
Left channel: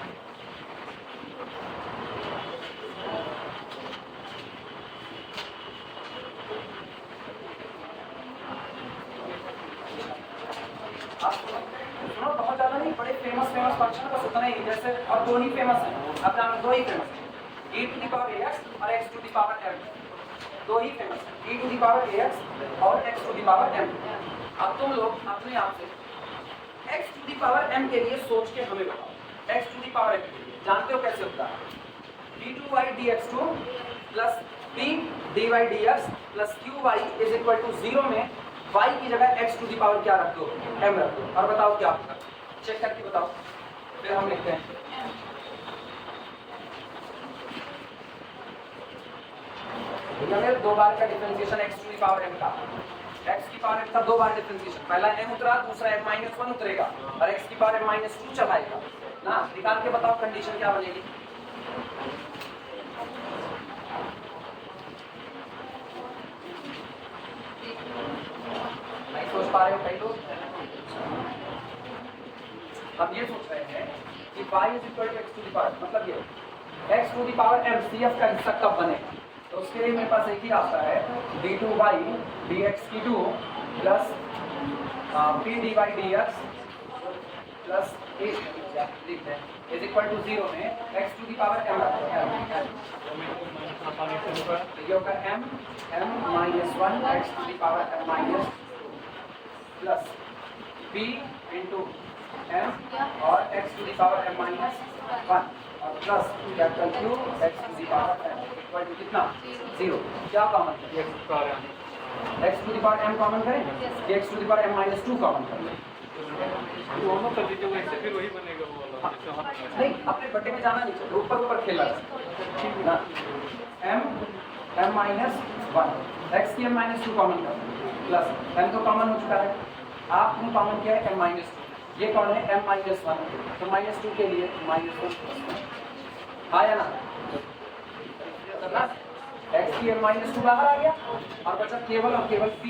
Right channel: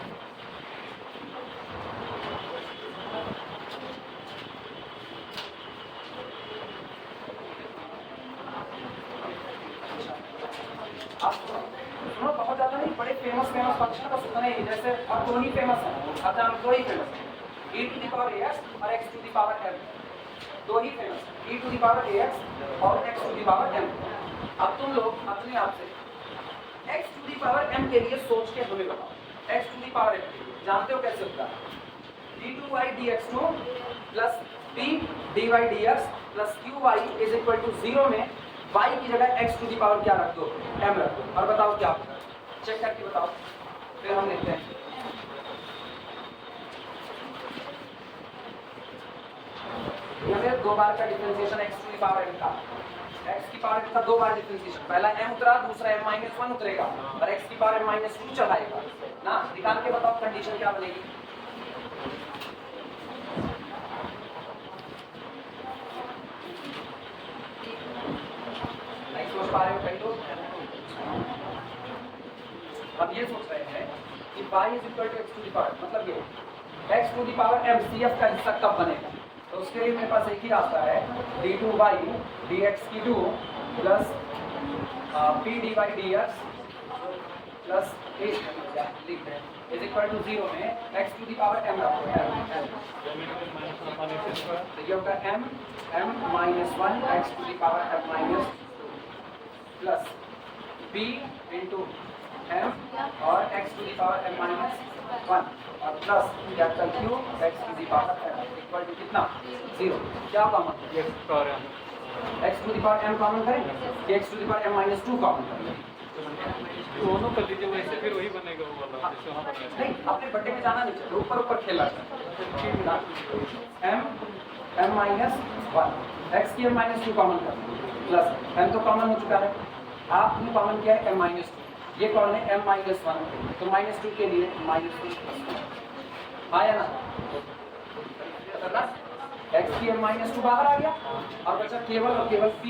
सुनो बहुत ज्यादा नहीं, बड़े फेमस फंक्शन का उतना ही, जैसे और दो ही फेमस है, अपना दो ही फेमस है, e to the power ax और x to the power m, दो ही फेमस है, e to the power ax और x to the power m। अब तुम लोग अपने आप से x to the power m के लिए सोच के हमें बताओ, x to the power m जानते हो कैसे होता है, d2y dx2 plus d dy dx plus qy is equal to 0 में y की जगह x टू दी पावर क्या रख दो m रख दो, और बताओ क्या होगा, चेक करके बताओ, फिर हम लिखते हैं। ये दो बार का differentiation x to the power m का, x की पावर m का दो बार डिफरेंशिएशन, पहला m उतरा, दूसरा m-1 उतरेगा और x की पावर m-2 चढ़ाएगा ना, निकाल के बताओ कंडीशन क्या बनेगी। अब ये सोच रहे हैं कि y is equal to x to the power, मतलब ये x to the power m cf का हिस्सा कब बनेगा, तो उसके लिए मेरे पास एक ही रास्ता है, d2y dx2 plus p dy dx plus a लिख दें इज इक्वल टू 0 में x to the power m रखो, तो ये होगा m-1 x to the power m-2 plus p into m और x to the power m-1 plus capital Q x to the power m equal to कितना 0, क्या common है x to the power m common करें कि x to the power m-2 common करें, दोनों कर दीजिए, वैसे फिर वही बनेगा वो वाला जैसे वहाँ बनेगा। नहीं अपने बट्टे में जाना नहीं चाहिए, ऊपर ऊपर खेलना चाहिए, m-1 x की m-2 कॉमन कर प्लस m तो कॉमन हो चुका है, आपने कॉमन किया है m-2, ये कौन है m-1, तो -2 के लिए -1 आया ना, x की m-2 बाहर आ गया और बचा केवल और केवल p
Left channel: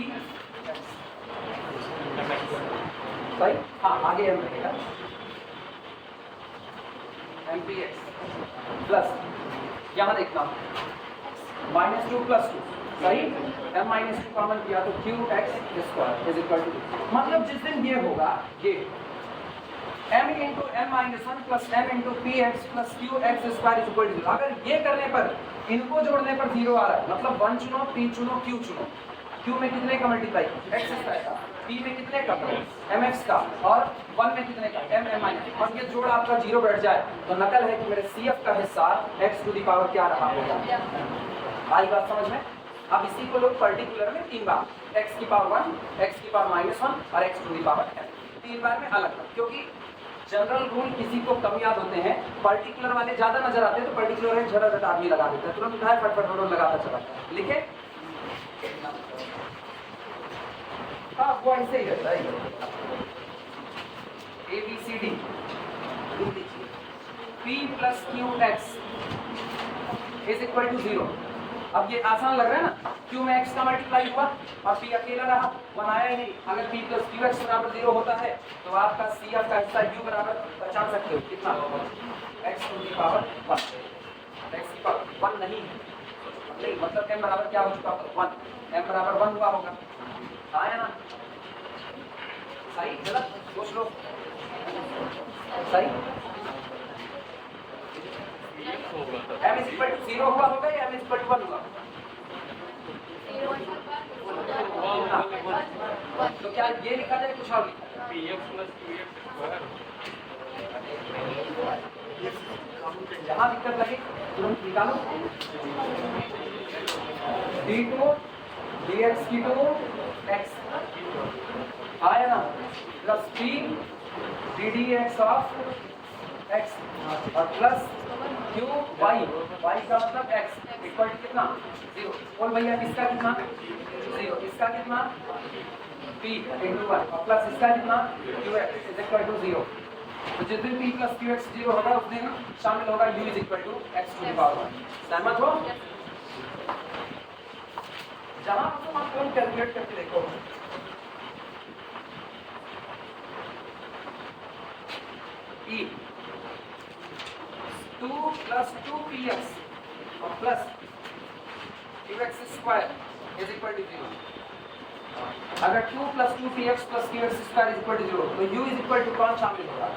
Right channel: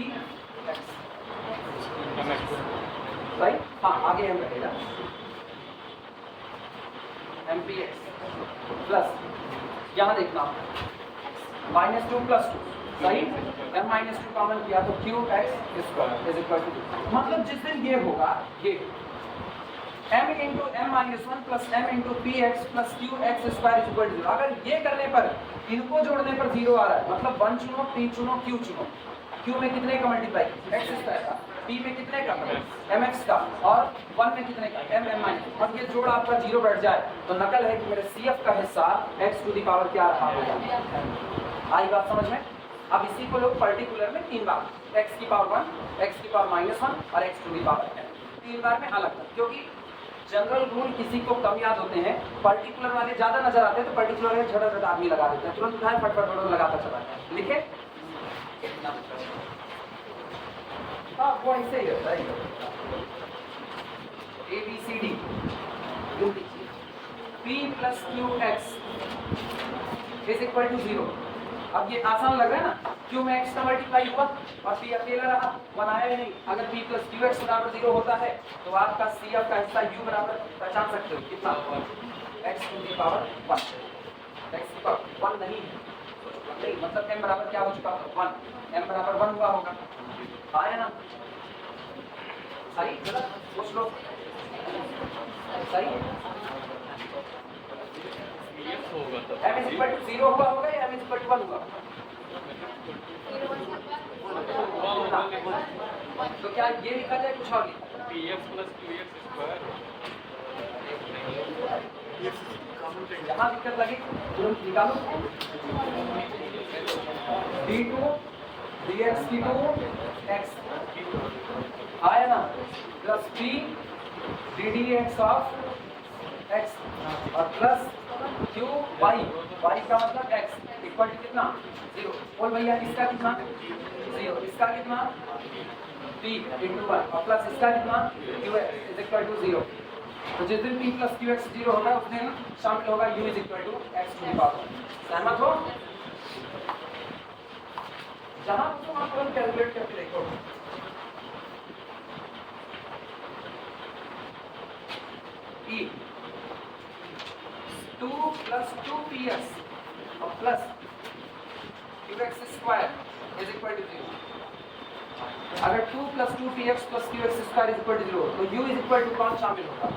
भाई, हाँ आगे m रहेगा m(x) प्लस यहाँ देखना -2 प्लस 2 सही, m-2 कॉमन किया तो qx² इज इक्वल टू, मतलब जिस दिन ये होगा ये m into m-1 plus m into px plus qx² is equal to 0, अगर ये करने पर इनको जोड़ने पर 0 आ रहा है, मतलब 1 चुनो, p चुनो, q चुनो, q में कितने का मल्टीप्लाई x² का, p में कितने का mx का और 1 में कितने का m-, और ये जोड़ आपका 0 बैठ जाए तो नकल है कि मेरे cf का हिस्सा x टू दी पावर क्या रहा होगा, आई बात समझ में। अब इसी को लोग पर्टिकुलर में 3 बार x की पावर 1, x की पावर -1 और x to the power m 3 बार में अलग, क्योंकि जनरल रूल किसी को कम याद होते हैं, पर्टिकुलर वाले ज्यादा नजर आते हैं तो पर्टिकुलर में झट आदमी लगा देते हैं, तुरंत उठाए फटफट लगाता चला, लिखे हाँ वो ऐसे ही रहता है, ABCD p plus qx is equal to 0, अब ये आसान लग रहा है ना, क्यू में x का मल्टीप्लाई हुआ और p अकेला रहा, 1 आया ही नहीं। अगर p प्लस qx बराबर 0 होता है तो आपका CF का हिस्सा u बराबर पहचान सकते हो कितना, x to the power 1, x की पावर 1 नहीं है, मतलब m बराबर क्या हो चुका होगा 1, m बराबर 1 हुआ होगा, आया ना, सही गलत पूछ लो, सही m इज इक्वल टू 0 हुआ होगा या m इज इक्वल टू 1 हुआ, तो क्या ये लिखा जाए कुछ और जहाँ दिक्कत लगे तुरंत निकालो, d2 dx की टू x आया ना, plus p ddx of x और प्लस q y, y का मतलब x इक्वल टू कितना 0, बोल भैया इसका कितना 0, इसका कितना p इंटू y और प्लस इसका कितना qx इज इक्वल टू 0। तो जिस दिन p प्लस qx 0 होगा उस दिन शामिल होगा u is equal to x to the power 1। सहमत हो? जहां तुम कैलकुलेट करके देखो p 2 प्लस 2px और plus qx square is equal to 0। अगर 2 plus 2px plus qx square is equal to 0 तो u इज इक्वल टू कौन शामिल होगा,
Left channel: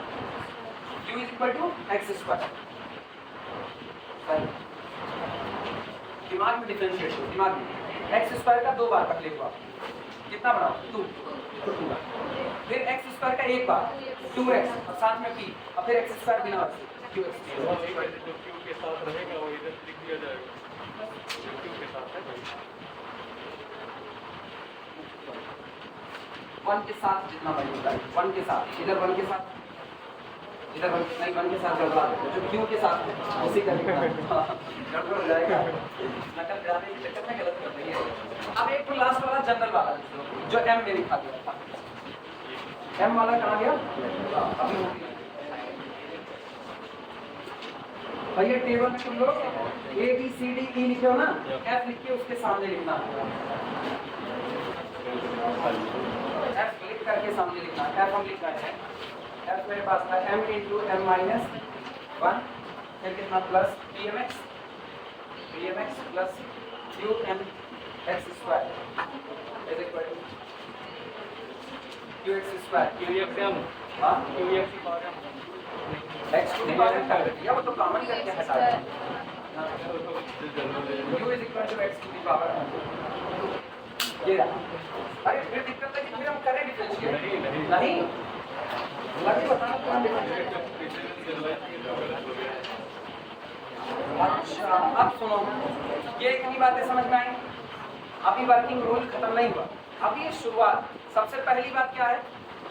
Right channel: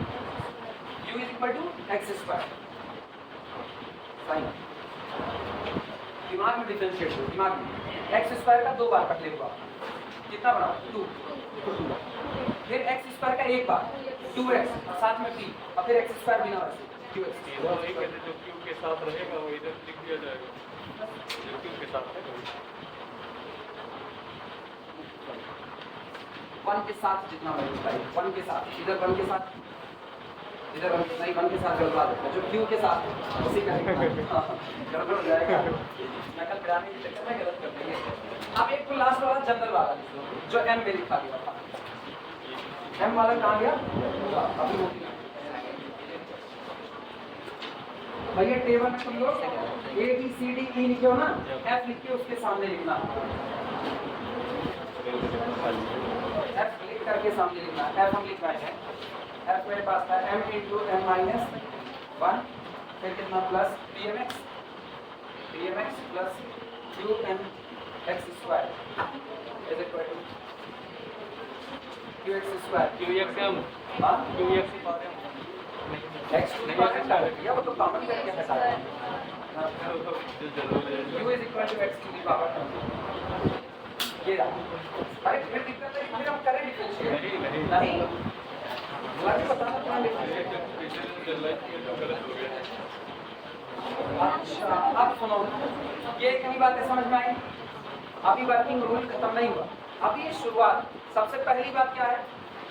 u is equal to x square. सही, दिमाग में डिफरेंशिएट करो, दिमाग में x स्क्वायर का 2 बार पहले हुआ कितना बना 2, फिर x स्क्वायर का एक बार 2x और साथ में p और फिर x स्क्वायर बिना वैसे जो क्यू के साथ रहेगा वो इधर लिख दिया जाएगा, क्यू के साथ है 1 के साथ जितना वैल्यू है 1 के साथ, इधर 1 के साथ, इधर 1 नहीं 1 के साथ गड़बड़ा देते हैं, जो क्यू के साथ है उसी का गड़बड़ हो जाएगा, नकल कराने के चक्कर में गलत कर देंगे। अब एक तो लास्ट वाला जनरल वाला जो m में लिखा गया था, m वाला कहाँ गया अभी भैया टेबल में तुम लोग A B C D E लिखे हो ना, F लिख के उसके सामने लिखना, F लिख करके सामने लिखना, F हम लिख रहे हैं, F मेरे पास था m इंटू m माइनस 1 फिर कितना plus pmx plus qmx square is equal to qx square x to the power या वो तो कॉमन करके हटा दें, u is equal to x to the power, ये रहा। अरे फिर दिक्कत है कि फिर हम करें डिफरेंशिएट नहीं लगे बताना अच्छा। अब सुनो ये इतनी बातें समझ में आई, अभी वर्किंग रूल खत्म नहीं हुआ, अभी ये शुरुआत। सबसे पहली बात क्या है,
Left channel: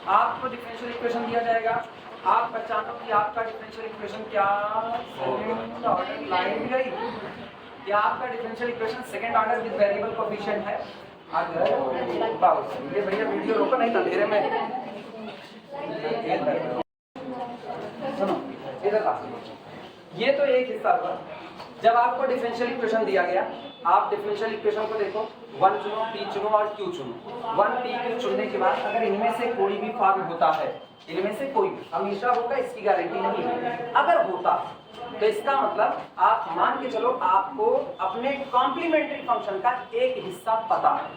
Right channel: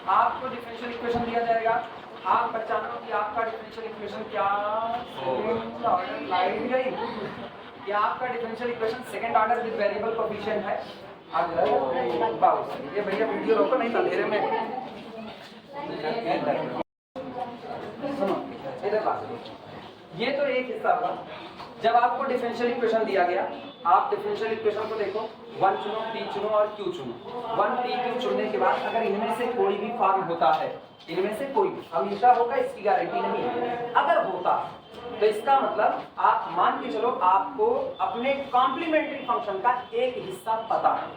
आपको डिफरेंशियल इक्वेशन दिया जाएगा, आप पहचानो कि आपका डिफरेंशियल इक्वेशन क्या लाइन गई कि आपका differential equation second order with variable coefficient है। अगर बाबू ये भैया वीडियो रोको नहीं तो अंधेरे में सुनो इधर का, ये तो एक हिस्सा हुआ। जब आपको डिफरेंशियल इक्वेशन दिया गया, आप डिफरेंशियल इक्वेशन को देखो, 1 चुनो, p चुनो और q चुनो। 1 p q चुनने के बाद अगर इनमें से कोई भी फॉर्म होता है, इनमें से कोई भी हमेशा होगा इसकी गारंटी नहीं है, अगर होता तो इसका मतलब आप मान के चलो आपको अपने कॉम्प्लीमेंट्री फंक्शन का एक हिस्सा पता है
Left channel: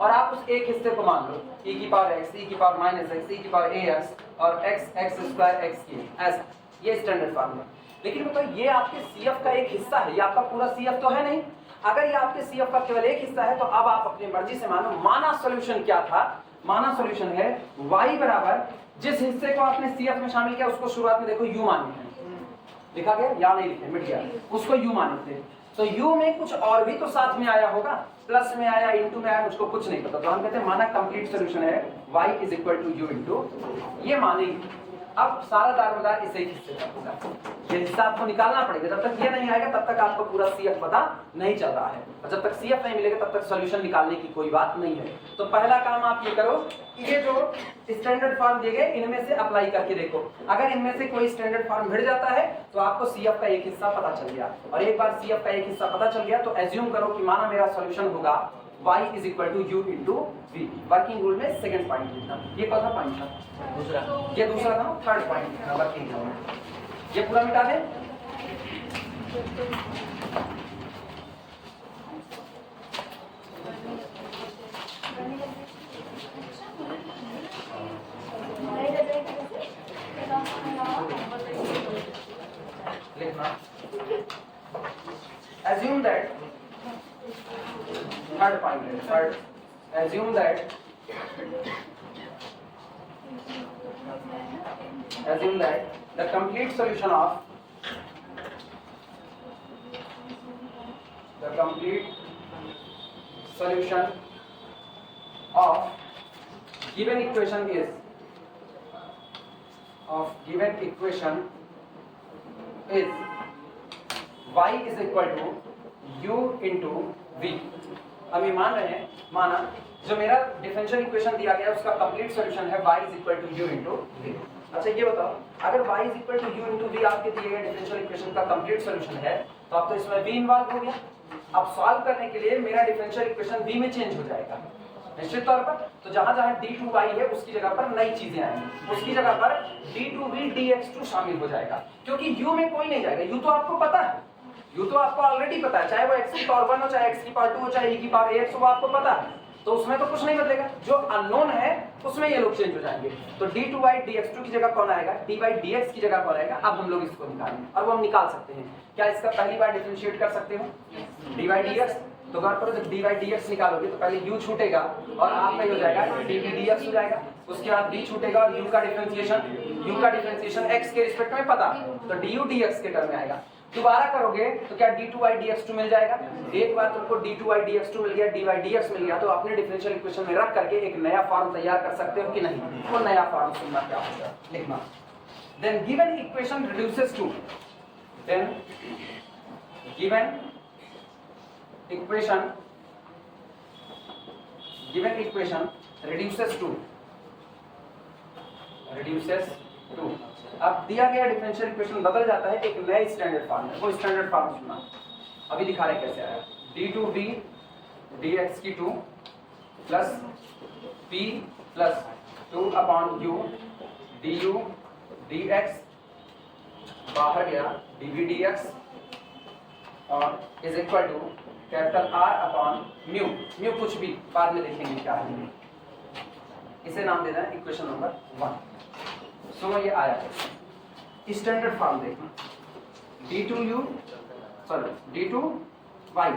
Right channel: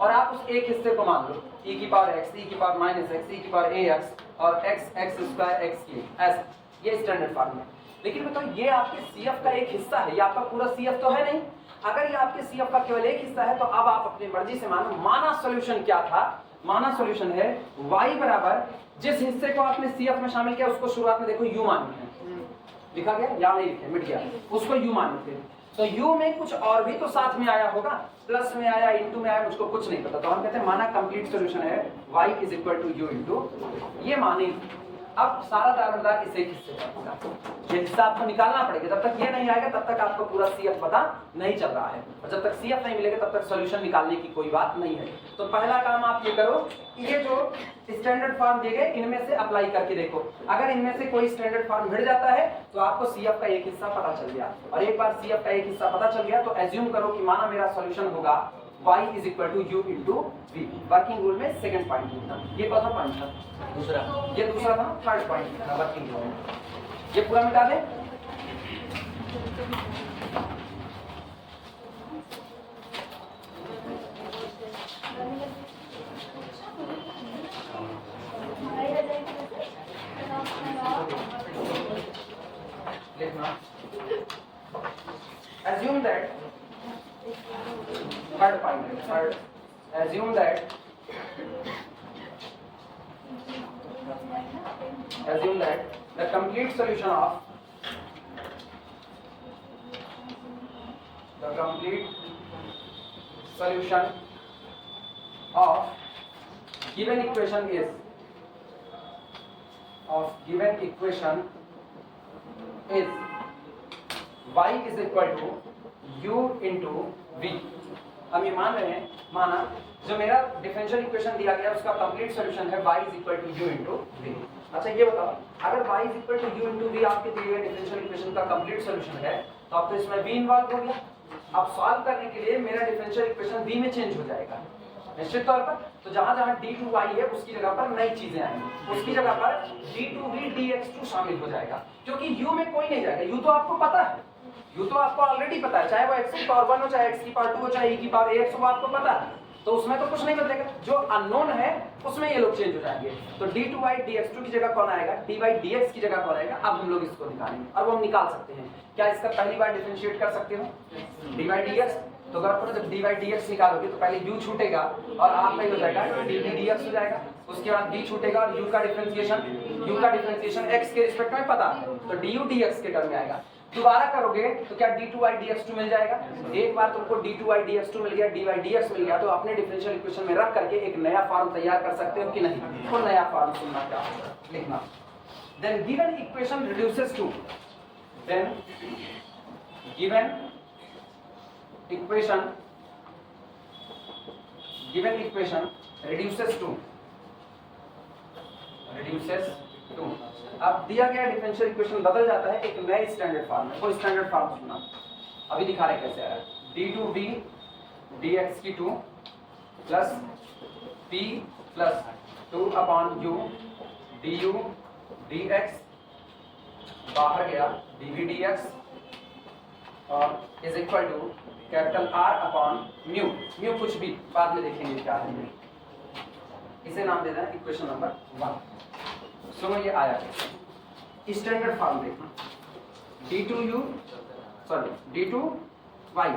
और आप उस एक हिस्से को मान लो e की पावर x, e की पावर माइनस x, e की पावर ax और x स्क्वायर x की, ऐसा ये स्टैंडर्ड फॉर्म है। लेकिन बताओ ये आपके CF का एक हिस्सा है, ये आपका पूरा CF तो है नहीं। अगर ये आपके CF का केवल एक हिस्सा है तो अब आप अपनी मर्जी से मानो। माना सॉल्यूशन क्या था, माना सॉल्यूशन है y बराबर जिस हिस्से को आपने CF में शामिल किया उसको शुरुआत में देखो u माने थे, लिखा गया या नहीं लिखे, मिट गया, उसको u माने थे। तो u में कुछ और भी तो साथ में आया होगा, प्लस में आया, इनटू में आया, मुझको कुछ नहीं पता। तो हम कहते हैं माना कंप्लीट सॉल्यूशन है y is equal to u into, ये मानेंगे अब सारा दारोमदार इसे ही हिस्से का पूरा ये हिस्सा आपको निकालना पड़ेगा। जब तक ये नहीं आएगा तब तक आपको पूरा CF पता नहीं चल रहा है, और जब तक CF नहीं मिलेगा तब तक सॉल्यूशन निकालने की कोई बात नहीं है। तो पहला काम आप ये करो, ये जो स्टैंडर्ड फॉर्म दिए गए इनमें से अप्लाई करके देखो। अगर इनमें से कोई स्टैंडर्ड फॉर्म मिल जाता है तो आपको CF का एक हिस्सा पता चल गया, और एक बार CF का एक हिस्सा पता चल गया तो एज्यूम करो कि माना मेरा सॉल्यूशन होगा y is equal to u into v. Working rule में सेकंड पॉइंट था, ये कौन सा पॉइंट था? दूसरा। ये दूसरा था, थर्ड पॉइंट था वर्किंग रूल में। ये पूरा मिटा दें। लिखना assume that third point, assume that the complete solution of given equation is y is equal to u into v। हम ये मान रहे हैं, माना जो मेरा डिफरेंशियल इक्वेशन दिया गया है उसका कंप्लीट सॉल्यूशन है y is equal to u into v। अच्छा ये बताओ, अगर y is equal to u into v आपके दिए गए डिफरेंशियल इक्वेशन का कंप्लीट सॉल्यूशन है तो अब तो इसमें v इन्वॉल्व हो गया। अब सॉल्व करने के लिए मेरा डिफरेंशियल इक्वेशन v में चेंज हो जाएगा निश्चित तौर पर। तो जहां जहां d2y है उसकी जगह पर नई चीजें आएंगी, उसकी जगह पर d2v dx2 शामिल हो जाएगा, क्योंकि u में कोई नहीं जाएगा। u तो आपको पता है, u तो आपको ऑलरेडी पता है, चाहे वो x की पावर 1 हो, चाहे x की पावर 2 हो, चाहे e की पावर ax हो, वो आपको पता है, तो उसमें तो कुछ नहीं बदलेगा। जो अननोन है उसमें ये लोग चेंज हो जाएंगे। तो d2y dx2 की जगह कौन आएगा? dy dx की जगह कौन आएगा? अब हम लोग इसको निकालेंगे, और वो हम निकाल सकते हैं। क्या इसका पहली बार डिफरेंशिएट कर सकते हो? dy dx, तो गौर करो जब dy dx निकालोगे तो पहले u छूटेगा और आप में हो जाएगा dv dx हो जाएगा, उसके बाद v छूटेगा और u का डिफरेंशिएशन x के रिस्पेक्ट में पता, तो du dx के टर्म में आएगा। दोबारा करोगे तो क्या d2y dx2 मिल जाएगा? एक बार तुमको d2y dx2 मिल गया, dy dx मिल गया, तो अपने डिफरेंशियल इक्वेशन में रख करके एक नया फॉर्म तैयार कर सकते हो कि नहीं? वो नया फॉर्म सुनना क्या है लिखना। Then given equation reduces to, then given equation reduces to अब दिया गया डिफरेंशियल इक्वेशन बदल जाता है एक नए स्टैंडर्ड फॉर्म में। वो स्टैंडर्ड फॉर्म सुना, अभी दिखा रहे कैसे आया। d2v dx की 2 plus p plus 2 upon u du dx, बाहर गया dv dx, और is equal to capital R upon mu. Mu कुछ भी बाद में देखेंगे क्या है, इसे नाम देना है इक्वेशन नंबर 1। सुनो ये आया स्टैंडर्ड फॉर्म देखना, d2y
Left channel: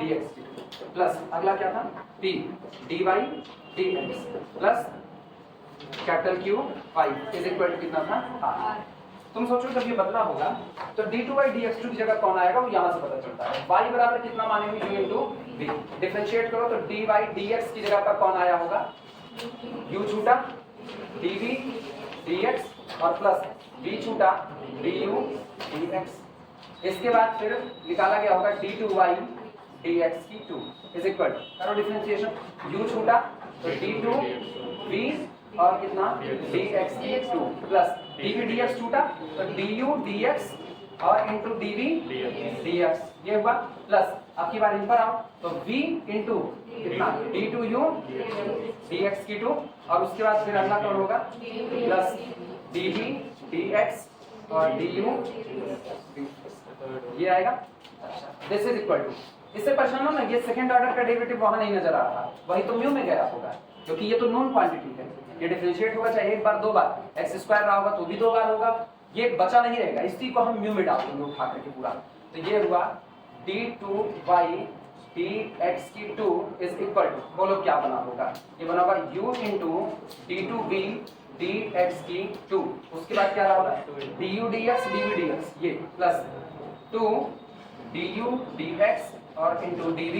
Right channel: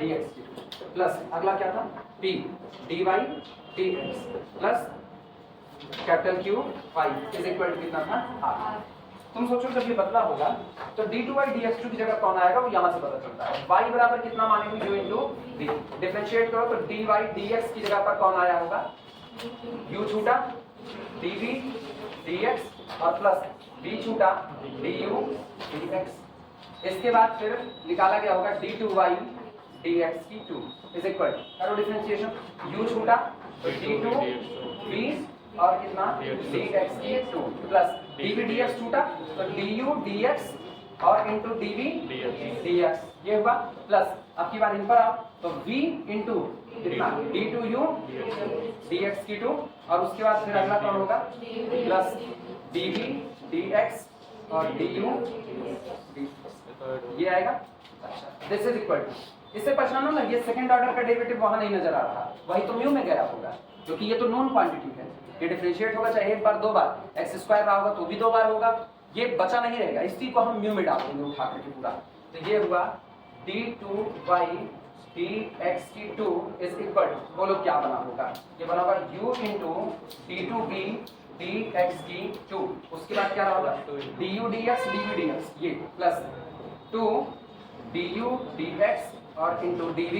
dx प्लस अगला क्या था p dy dx plus capital Q y is equal to कितना था R। तुम सोचो जब ये बदला होगा तो d2y dx2 की जगह कौन आएगा? वो यहाँ से पता चलता है। y बराबर कितना मानेंगे? u into v। डिफरेंशिएट करो तो dy dx की जगह पर कौन आया होगा? u छूटा dv dx और प्लस v छूटा du dx। इसके बाद फिर निकाला गया होगा d2y dx की 2 इज इक्वल टू, करो डिफरेंशिएशन, u छूटा तो d2v और कितना dx की 2 प्लस dv dx छूटा तो du dx और इंटू dv dx, ये हुआ प्लस। अब की बार इन पर आओ तो v इंटू कितना d2u dx की 2, और उसके बाद फिर अगला कौन होगा? प्लस dv dx और du, ये आएगा। दिस इज इक्वल टू, इससे परेशान हो ना, ये सेकंड ऑर्डर का डेरिवेटिव वहां नहीं नजर आ रहा, वही तो म्यू में गया होगा, क्योंकि ये तो नॉन क्वांटिटी है। ये डिफरेंशिएट होगा चाहे एक बार दो बार, एक्स स्क्वायर रहा होगा तो भी दो बार होगा, ये बचा नहीं रहेगा, इसी को हम म्यू में डाल देंगे उठा करके पूरा। तो ये हुआ d2y dx की 2 इज इक्वल टू, बोलो क्या बना होगा? ये बना होगा u इंटू d2v dx की 2, उसके बाद क्या रहा होगा du dx dv dx, ये प्लस 2 du dx और इंटू dv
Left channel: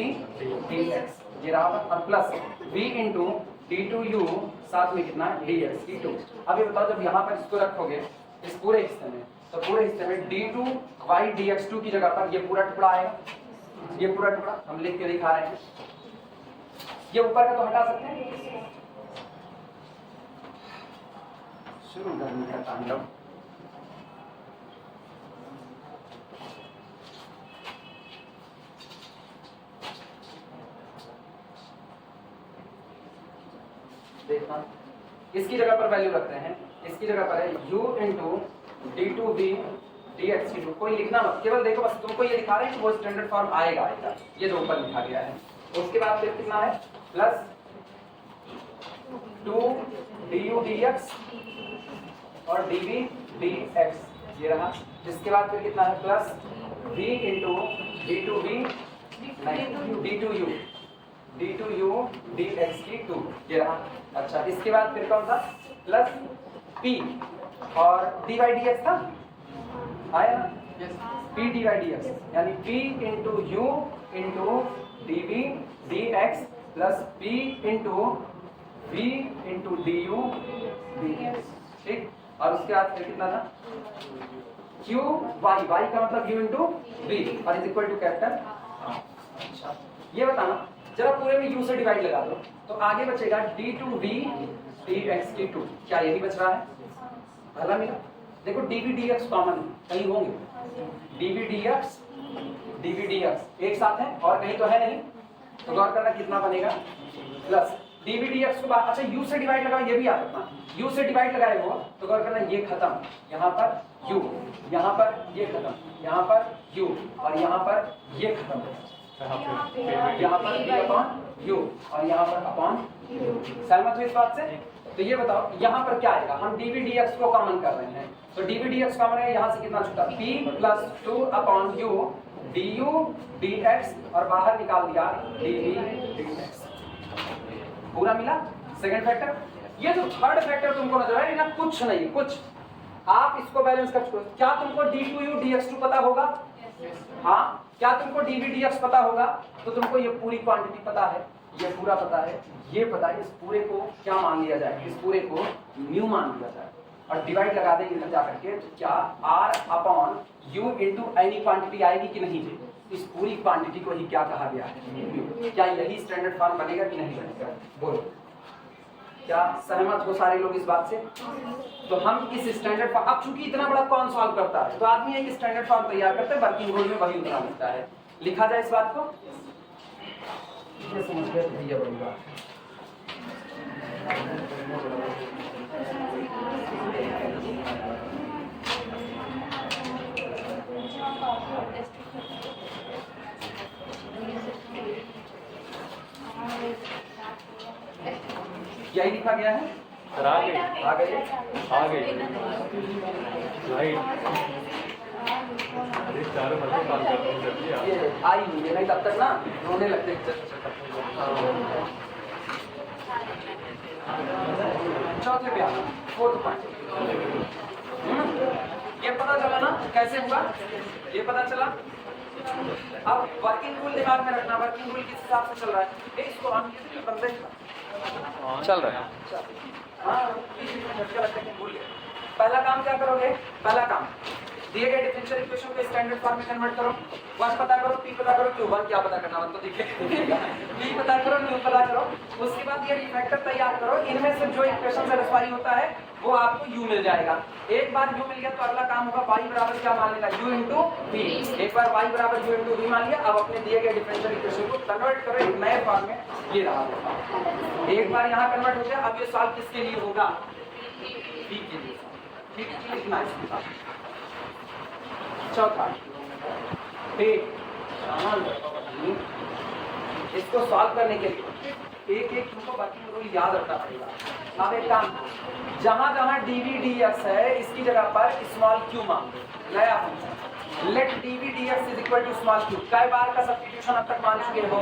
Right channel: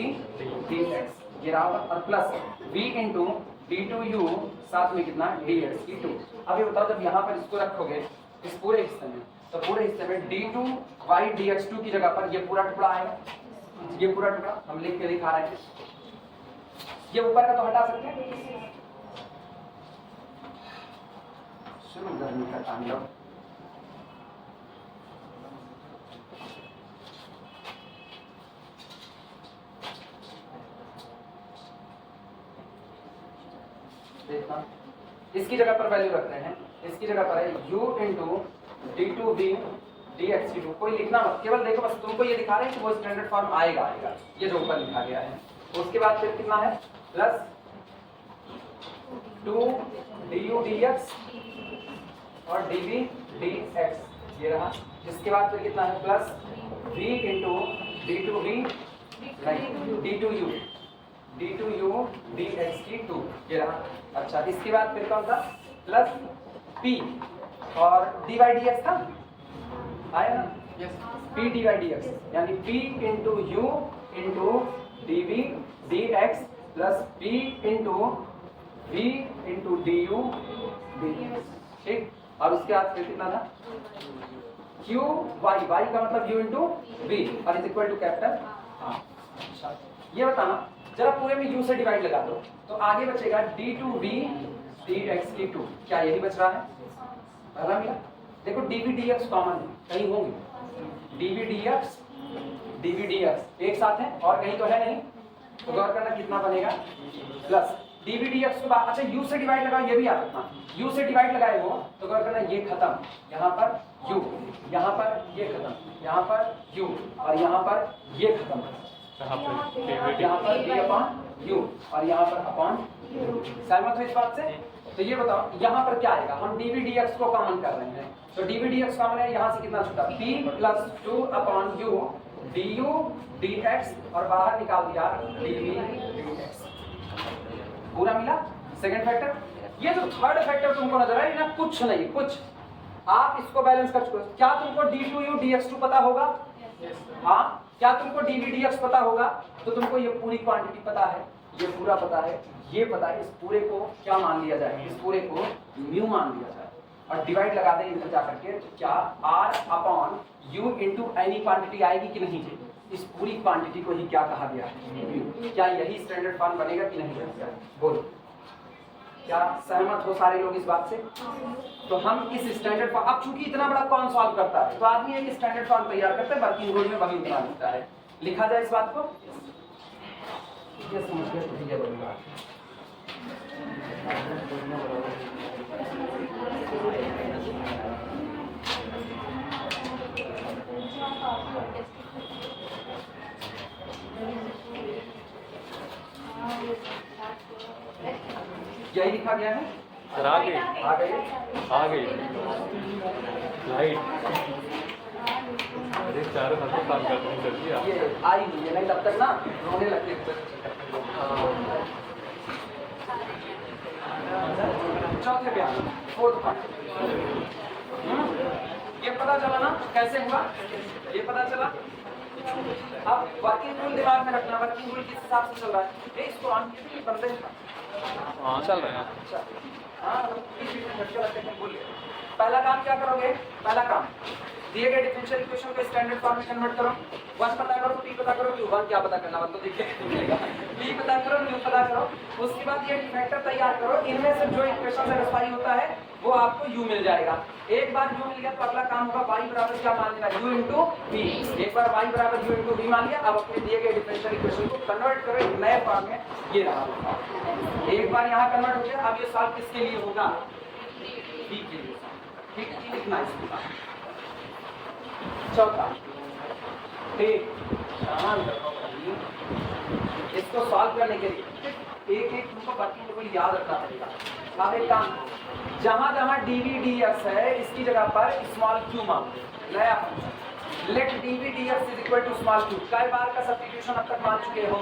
dx ये रहा होगा, और प्लस v इंटू d2u साथ में कितना dx की 2। अब ये बताओ जब यहाँ पर इसको रखोगे इस पूरे हिस्से में, तो पूरे हिस्से में d2y dx2 की जगह पर ये पूरा टुकड़ा आएगा, ये पूरा टुकड़ा हम लिख के दिखा रहे हैं। ये ऊपर का तो हटा सकते हैं, शुरू गर्मी का तांडव। देखना इसकी जगह पर वैल्यू रखते हैं, इसकी जगह पर है u इंटू d2v dx की 2। कोई लिखना मत, केवल देखो बस तुमको ये दिखा रहे हैं कि वो स्टैंडर्ड फॉर्म आएगा ये जो ऊपर लिखा गया है। उसके बाद फिर कितना है प्लस 2 du dx और dv dx ये रहा। इसके बाद फिर कितना है plus v into d2v d2u dx की 2 ये रहा। अच्छा इसके बाद फिर कौन सा प्लस p और dy dx था आया ना, p dy dx यानी p into u into dv dx plus p into v into du dx, ठीक। और उसके बाद फिर कितना था q y का मतलब u इंटू v और इज इक्वल टू कैपिटल। अच्छा ये बताना जरा पूरे में u से डिवाइड लगा दो तो आगे बचेगा d2v dx की 2। क्या यही बच रहा है? पहला मिला देखो dv dx कॉमन कहीं होंगे, dv dx एक साथ है और कहीं तो है नहीं, तो गौर करना कितना बनेगा प्लस dv dx को अच्छा u से डिवाइड लगाओ, ये भी याद रखना u से डिवाइड लगाए हो तो गौर करना ये खत्म, यहाँ पर u, यहाँ पर ये खत्म, यहाँ पर u और यहाँ पर ये खत्म, यहाँ पर b अपॉन u और यहाँ पर अपॉन सहमत हो इस बात से? तो ये बताओ यहाँ पर क्या आएगा, हम dv dx को कॉमन कर रहे हैं तो dv dx कॉमन है, यहाँ से कितना छूटा p plus 2 upon u du dx और बाहर निकाल दिया dv dx, पूरा मिला सेकंड फैक्टर। ये जो थर्ड फैक्टर तुमको नजर आए ना कुछ नहीं कुछ, आप इसको बैलेंस कर चुके हो। क्या तुमको d2u dx2 पता होगा? हाँ क्या तुमको dv dx पता होगा? तो तुमको ये पूरी क्वांटिटी पता है, ये पूरा पता है, ये पता है, इस पूरे को क्या मान लिया जाए, इस पूरे को म्यू मान लिया जाए और डिवाइड लगा दें इधर जाकर के, तो क्या r upon u into any quantity आएगी कि नहीं? इस पूरी क्वांटिटी को ही क्या कहा गया है? क्या यही स्टैंडर्ड फॉर्म बनेगा कि नहीं बनेगा? बोलो क्या सहमत हो सारे लोग इस बात से? तो हम इस स्टैंडर्ड फॉर्म, अब चूंकि इतना बड़ा कौन सॉल्व करता है तो आदमी एक स्टैंडर्ड फॉर्म तैयार करते हैं, वर्किंग रूल में वही उतना मिलता है। लिखा जाए इस बात को, ये समझ गए भैया बड़ी बात। यही लिखा गया है, आ गई लाइट अरे चारों तरफ काम करते हैं सर जी। ये आई हुई है नहीं तब तक ना रोने लगते। चौथे बयान फोर्थ पॉइंट, ये पता चला ना कैसे हुआ, ये पता चला। अब वर्किंग रूल दिमाग में रखना, वर्किंग रूल किस हिसाब से चल रहा है, इसको ऑन किया तो बंदे चल रहा है। पहला काम क्या करोगे? पहला काम दिए गए डिफरेंशियल इक्वेशन को स्टैंडर्ड फॉर्म में कन्वर्ट करो। वन पता करो, पी पता करो, क्यू वन क्या पता करना, वन तो दिखेगा, पी पता करो, न्यू पता करो। उसके बाद ये डिफरेक्टर तैयार करो, इनमें से जो इक्वेशन सेटिस्फाई होता है वो आपको u मिल जाएगा। एक बार u मिल गया तो अगला काम होगा y बराबर क्या मान लेना, u इंटू v। एक बार y बराबर u इंटू v मान लिया, अब अपने दिए गए डिफरेंशियल इक्वेशन को कन्वर्ट करो एक नए फॉर्म में, ये रहा। एक बार यहाँ कन्वर्ट हो गया, अब ये सॉल्व किसके लिए होगा? v के लिए। ठीक है, लिखना है इसका। चौथा ठीक, इसको सॉल्व करने के लिए एक एक तुमको वर्किंग रूल याद रखना पड़ेगा। अब एक काम, जहां जहां dv dx है इसकी जगह पर स्मॉल q मान दो, नया function let dv dx is equal to small q। कई बार का सब्स्टिट्यूशन अब तक मान चुके हो?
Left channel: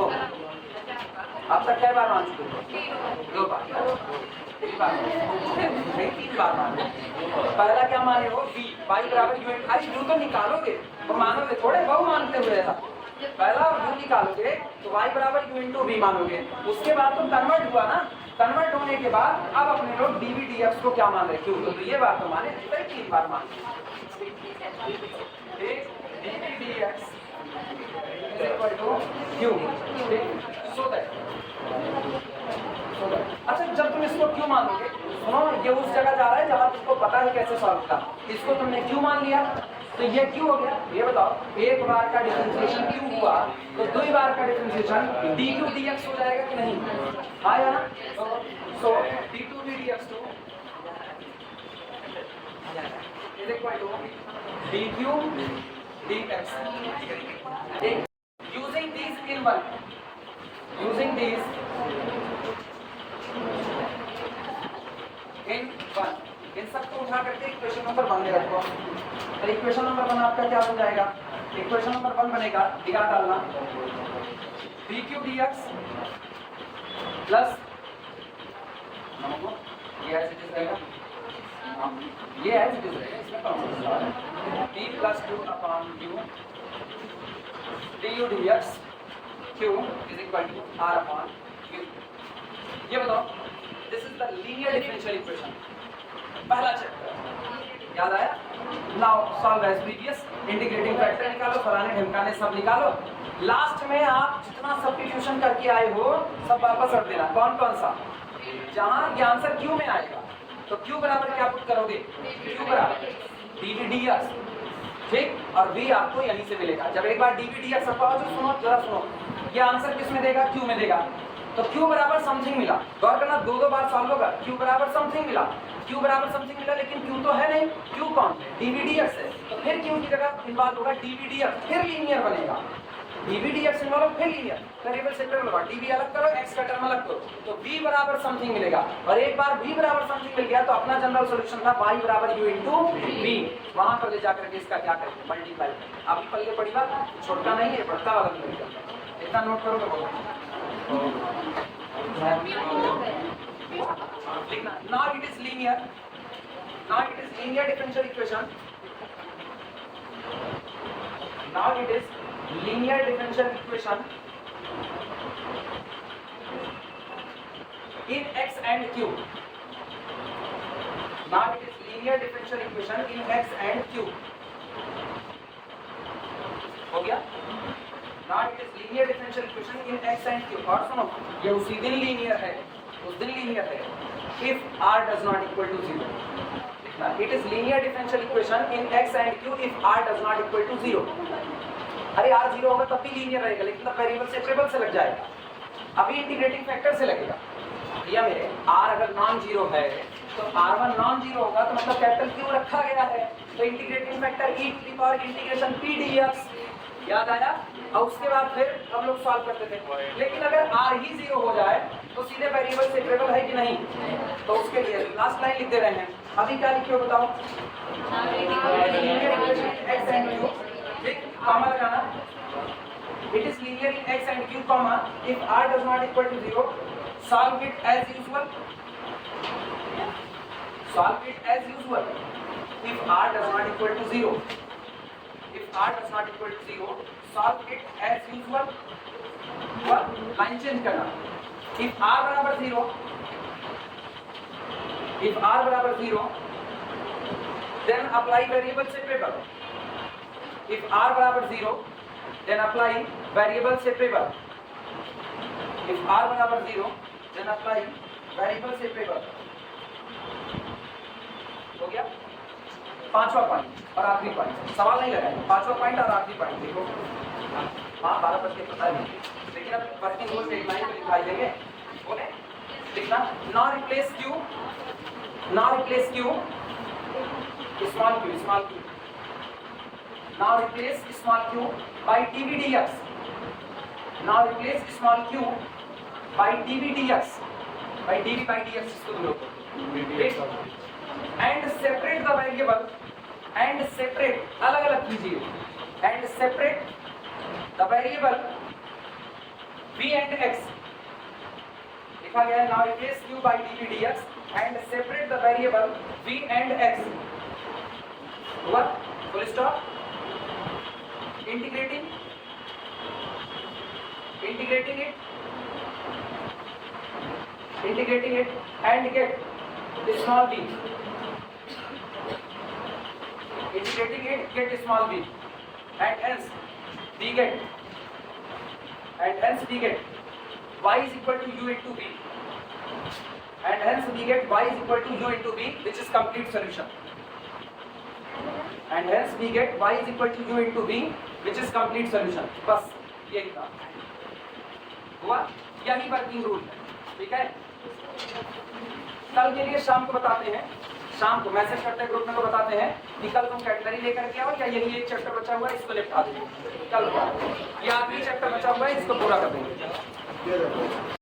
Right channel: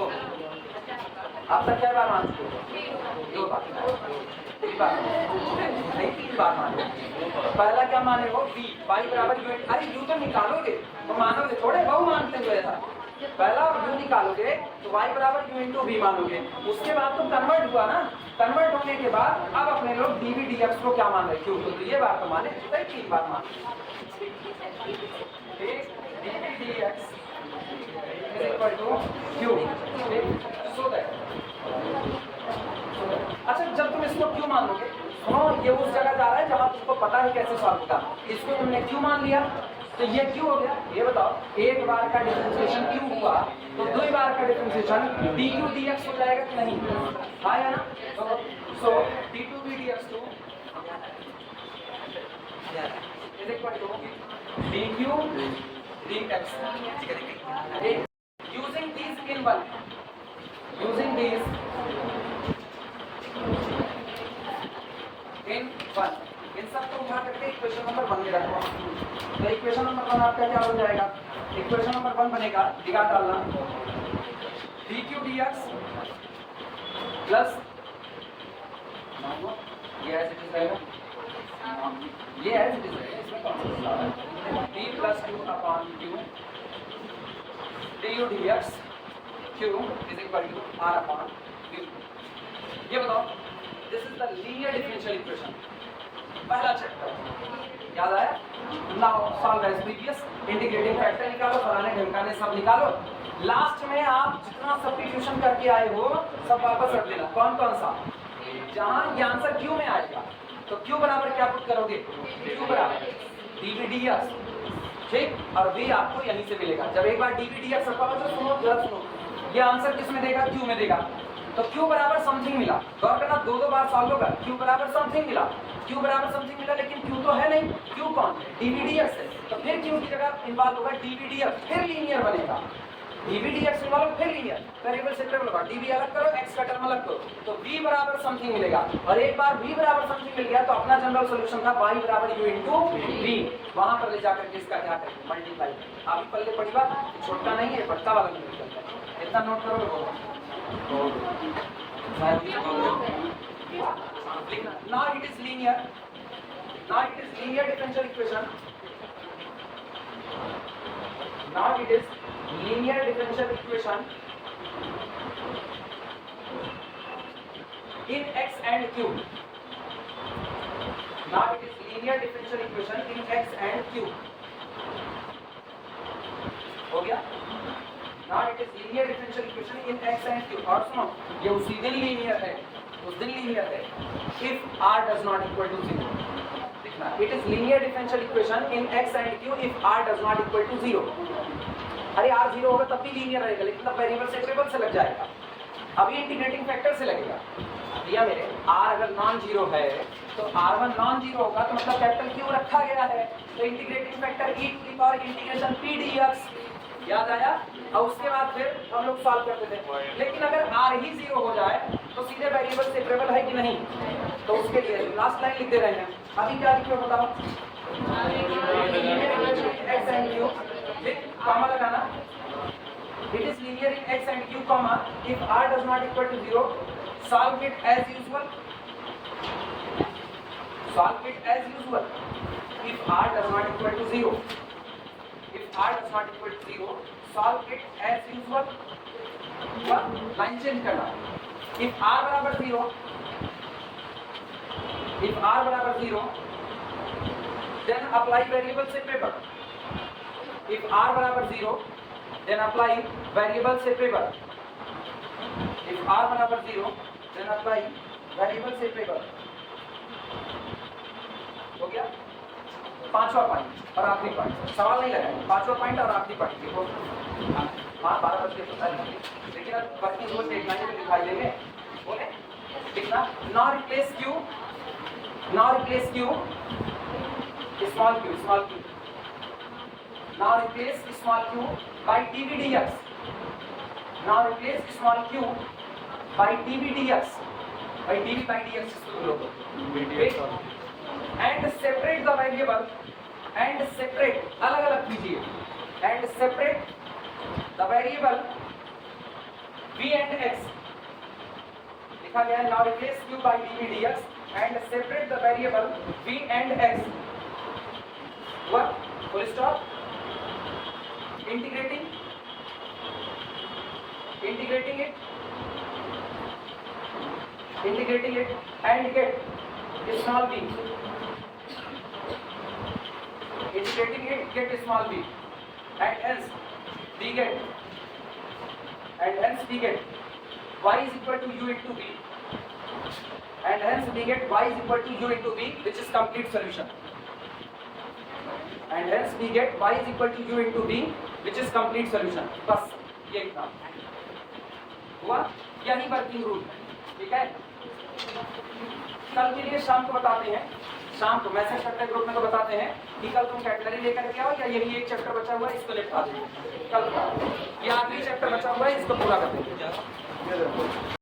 अब तक कई बार मान चुके हो? 2 बार, 3 बार नहीं, 3 बार मानो। पहला क्या माने हो? v y बराबर u। अरे u तो निकालोगे तो मानोगे थोड़े, बहु मानते हुए ऐसा पहला u निकालोगे तो y बराबर u इंटू वी मानोगे, उसके बाद तो कन्वर्ट हुआ ना, कन्वर्ट होने के बाद अब अपने लोग dv dx को क्या मान रहे क्यों, तो ये बात तो माने तो 3 बार मान dv dx is equal to q, so that अच्छा जब तुम इसको क्यों मान लोगे, सुनो ये उस जगह जा रहा है जहां तुमको पता है कैसे सॉल्व होता, इसको तुमने क्यों मान लिया तो ये क्यों हो गया, ये बताओ एक बार का डिफरेंशिएशन क्यों हुआ तो 2 बार का डिफरेंशिएशन dq dx हो जाएगा कि नहीं, हाँ या ना, सो d2 dx is equal to dq dx using these in one, using these in one, इन सबको उठा करके इक्वेशन नंबर 1 ले रखो, तो इक्वेशन नंबर 1 आपका क्या बन जाएगा, इक्वेशन नंबर 1 बनेगा दिया डालना dq dx प्लस ये एज इट इज रहेगा, ये एज इट इज रहेगा, इसमें कौन d plus 2 upon q du dx q is equal to r upon q। ये बताओ this is the linear differential equation, पहला चैप्टर याद आया, now solve as previous, integrating factor निकालो, फलाने ढिमकाने सब निकालो, लास्ट में आप जितना सब्स्टिट्यूशन करके आए हो सब वापस रख देना, कौन कौन सा, जहां ये आंसर क्यू में आएगा तो क्यू बराबर क्या पुट करोगे, क्यू बराबर dv dx, ठीक, और v आपको यहीं से मिलेगा, जब एक बार dv dx रखा हो तो सुनो जरा सुनो, ये आंसर किस में देगा, क्यू में देगा, तो q बराबर समथिंग मिला, गौर करना 2 बार सॉल्व होगा, q बराबर समथिंग मिला, q बराबर समथिंग मिला, लेकिन q तो है नहीं, q कौन dv dx है, तो फिर q की जगह इन्वॉल्व होगा dv dx, फिर लीनियर बनेगा, dv dx इन्वॉल्व फिर लीनियर, वेरिएबल सेपरेट होगा, dv अलग करो x का टर्म अलग करो, तो v बराबर समथिंग मिलेगा, और एक बार v बराबर समथिंग मिल गया तो अपना जनरल सॉल्यूशन था y बराबर u इंटू v, वहां पर ले जाकर के इसका क्या करेंगे, मल्टीप्लाई, आप पहले पढ़ी बात, छोटा नहीं है बड़का वाला नहीं है, इतना नोट करो तो now it is linear, now it is linear differential equation, now it is linear differential equation in x and q, now it is linear differential equation in x and q, हो गया, now it is linear differential equation in x and q, और सुनो ये उसी दिन linear है, उस दिन लीनियर है if r does not equal to 0, it is linear differential equation in x and q if r does not equal to 0, अरे r 0 होगा तब भी लीनियर रहेगा, लेकिन तब वेरिएबल सेपरेबल से लग जाएगा, अभी इंटीग्रेटिंग फैक्टर से लगेगा, या मेरे r अगर नॉन जीरो है तो r1 नॉन जीरो होगा तो मतलब कैपिटल q रखा गया है, तो integrating factor e to the power integration p dx, याद आया, और उसके बाद फिर हम लोग सॉल्व करते थे, लेकिन अगर r ही 0 हो जाए तो सीधे वेरिएबल सेपरेबल है कि नहीं, तो उसके लिए लास्ट लाइन लिख दे रहे हैं, अभी क्या लिखिए बताओ, x and q, कॉमा लगाना, it is linear in x and q, comma if r does not equal to 0, solve it as usual, solve it as usual, if r does not equal to 0, if r does not equal to 0, solve it as usual, और line change करना, if r बराबर 0, if r बराबर 0, then apply variable separable, if r बराबर 0, then apply variable separable, if r बराबर 0, then apply variable separable, हो गया, पांचवा point और आखिरी पॉइंट, सवाल नहीं लगाएंगे, पांचवा पॉइंट और आखिरी पॉइंट देखो, हाँ 12 बजे पता नहीं, लेकिन अब वर्किंग रोज डेडलाइन पे दिखाई देंगे, बोले लिखना, now replace q, now replace q, small q, small q, now replace small q by dv dx, now replace small q by dv dx, by dx इसको दो लोगों, and separate the variable, and separate, अलग अलग कीजिए, and separate the variable v and x, लिखा गया है, now replace q by dv dx and separate the variable v and x, हुआ, full stop, integrating integrating it and get small b, integrating it get small b, and hence we get y is equal to u into b, and hence we get y is equal to u into b, which is complete solution, and hence we get y is equal to u into b, which is complete solution. बस यही था, हुआ, यही working rule है, ठीक है। कल के लिए शाम को बताते हैं, शाम को मैसेज करते ग्रुप में तो बताते हैं कि कल तुम कैटलरी लेकर के आओ या यही एक चैप्टर बचा हुआ है इसको लेकर आ जाओ, कल ये आखिरी चैप्टर बचा हुआ है इसको पूरा कर देंगे।